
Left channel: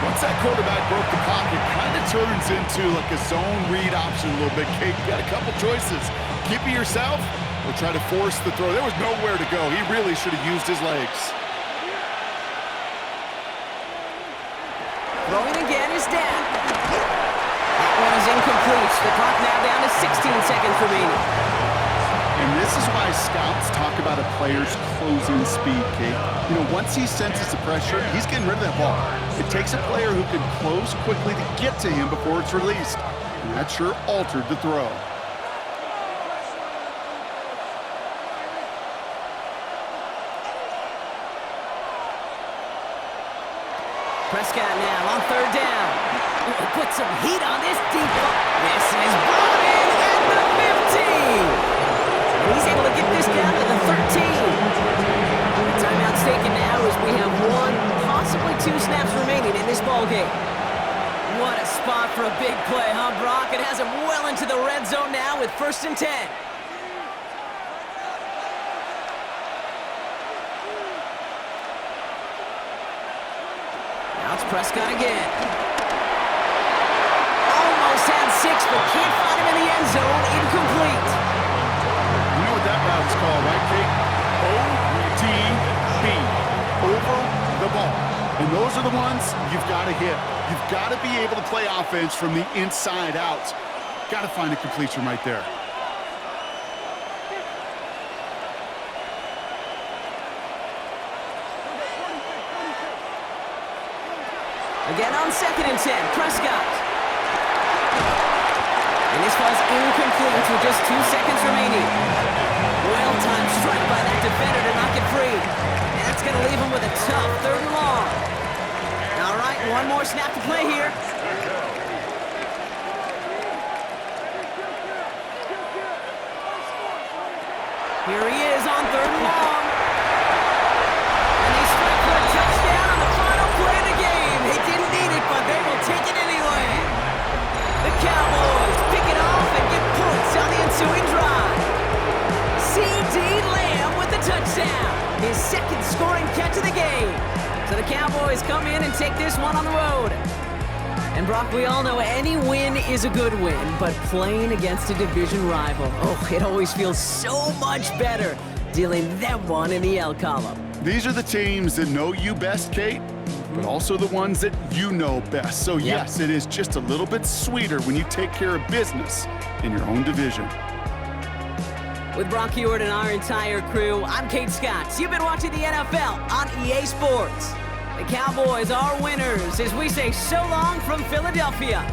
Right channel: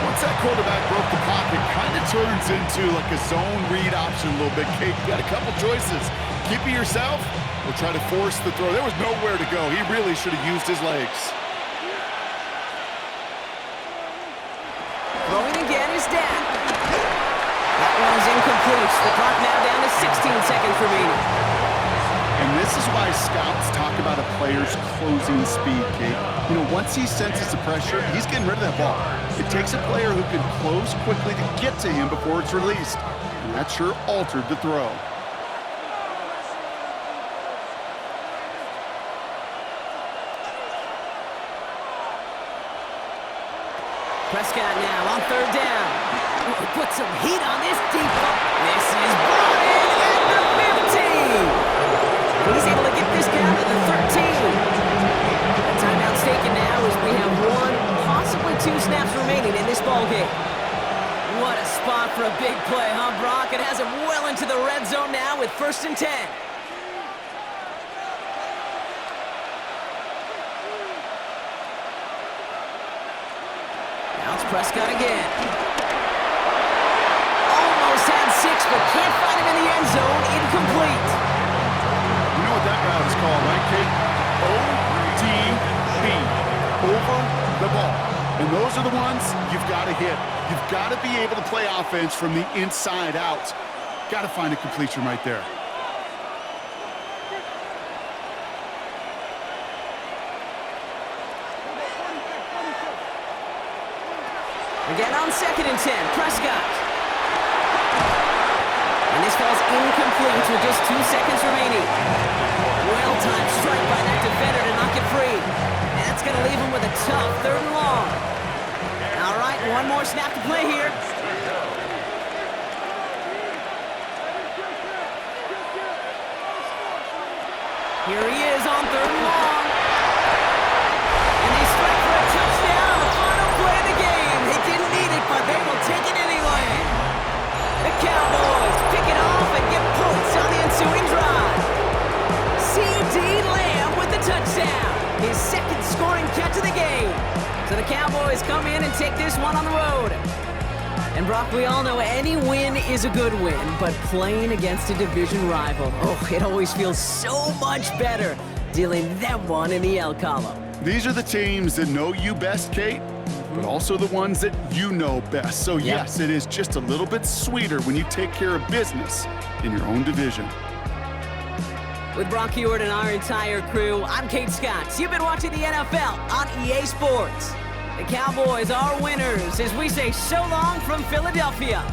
Once that quarterback broke the pocket, kind of turns into like a zone read option a little bit. Kate, you got a couple choices. Keep it yourself or try to force the throw. There was nowhere to go. He really should have used his legs. Throwing again is Dan. That one is incomplete. The clock now down to 16 seconds remaining. And this is why scouts talk about a player's closing speed, Kate. You know, once he senses the pressure, he's getting rid of that ball. It takes a player who can close quickly to get to him before it's released. And that sure altered the throw. Prescott now on 3rd down. Oh, put some heat on this deep ball. This is brought in at the 15. And he's able to get this down to the 13. The timeout's taken now as we have 1, possibly 2 snaps remaining in this ball game. What a spot for a big play, huh, Brock? It has him well into the red zone now with 1st and 10. Now it's Prescott again. Almost had 6, but can't find him in the end zone. Incomplete. You know what that route is called, right, Kate? ODB, over the ball. And those are the ones you've got to hit. You've got to be able to play offense from the inside out. Got to find a completion right there. Again on 2nd and 10, Prescott. And this falls incomplete with just 2 seconds remaining. Well-timed strike by that defender to knock it free. And that's going to leave him with a tough 3rd and long. All right, 1 more snap to play here. Here he is on 3rd and long. And they strike for a touchdown on the final play of the game. They didn't need it, but they will take it anyway. The Cowboys pick it off and get points on the ensuing drive. C.D. Lamb with the touchdown. His 2nd scoring catch of the game. So the Cowboys come in and take this one on the road. And Brock, we all know any win is a good win, but playing against a division rival, oh, it always feels so much better dealing that one in the L column. These are the teams that know you best, Kate, but also the ones that you know best. So yes, it is just a little bit sweeter when you take care of business in your own division. With Brock Heward and our entire crew, I'm Kate Scott. You've been watching the NFL on EA Sports. The Cowboys are winners as we say so long from Philadelphia.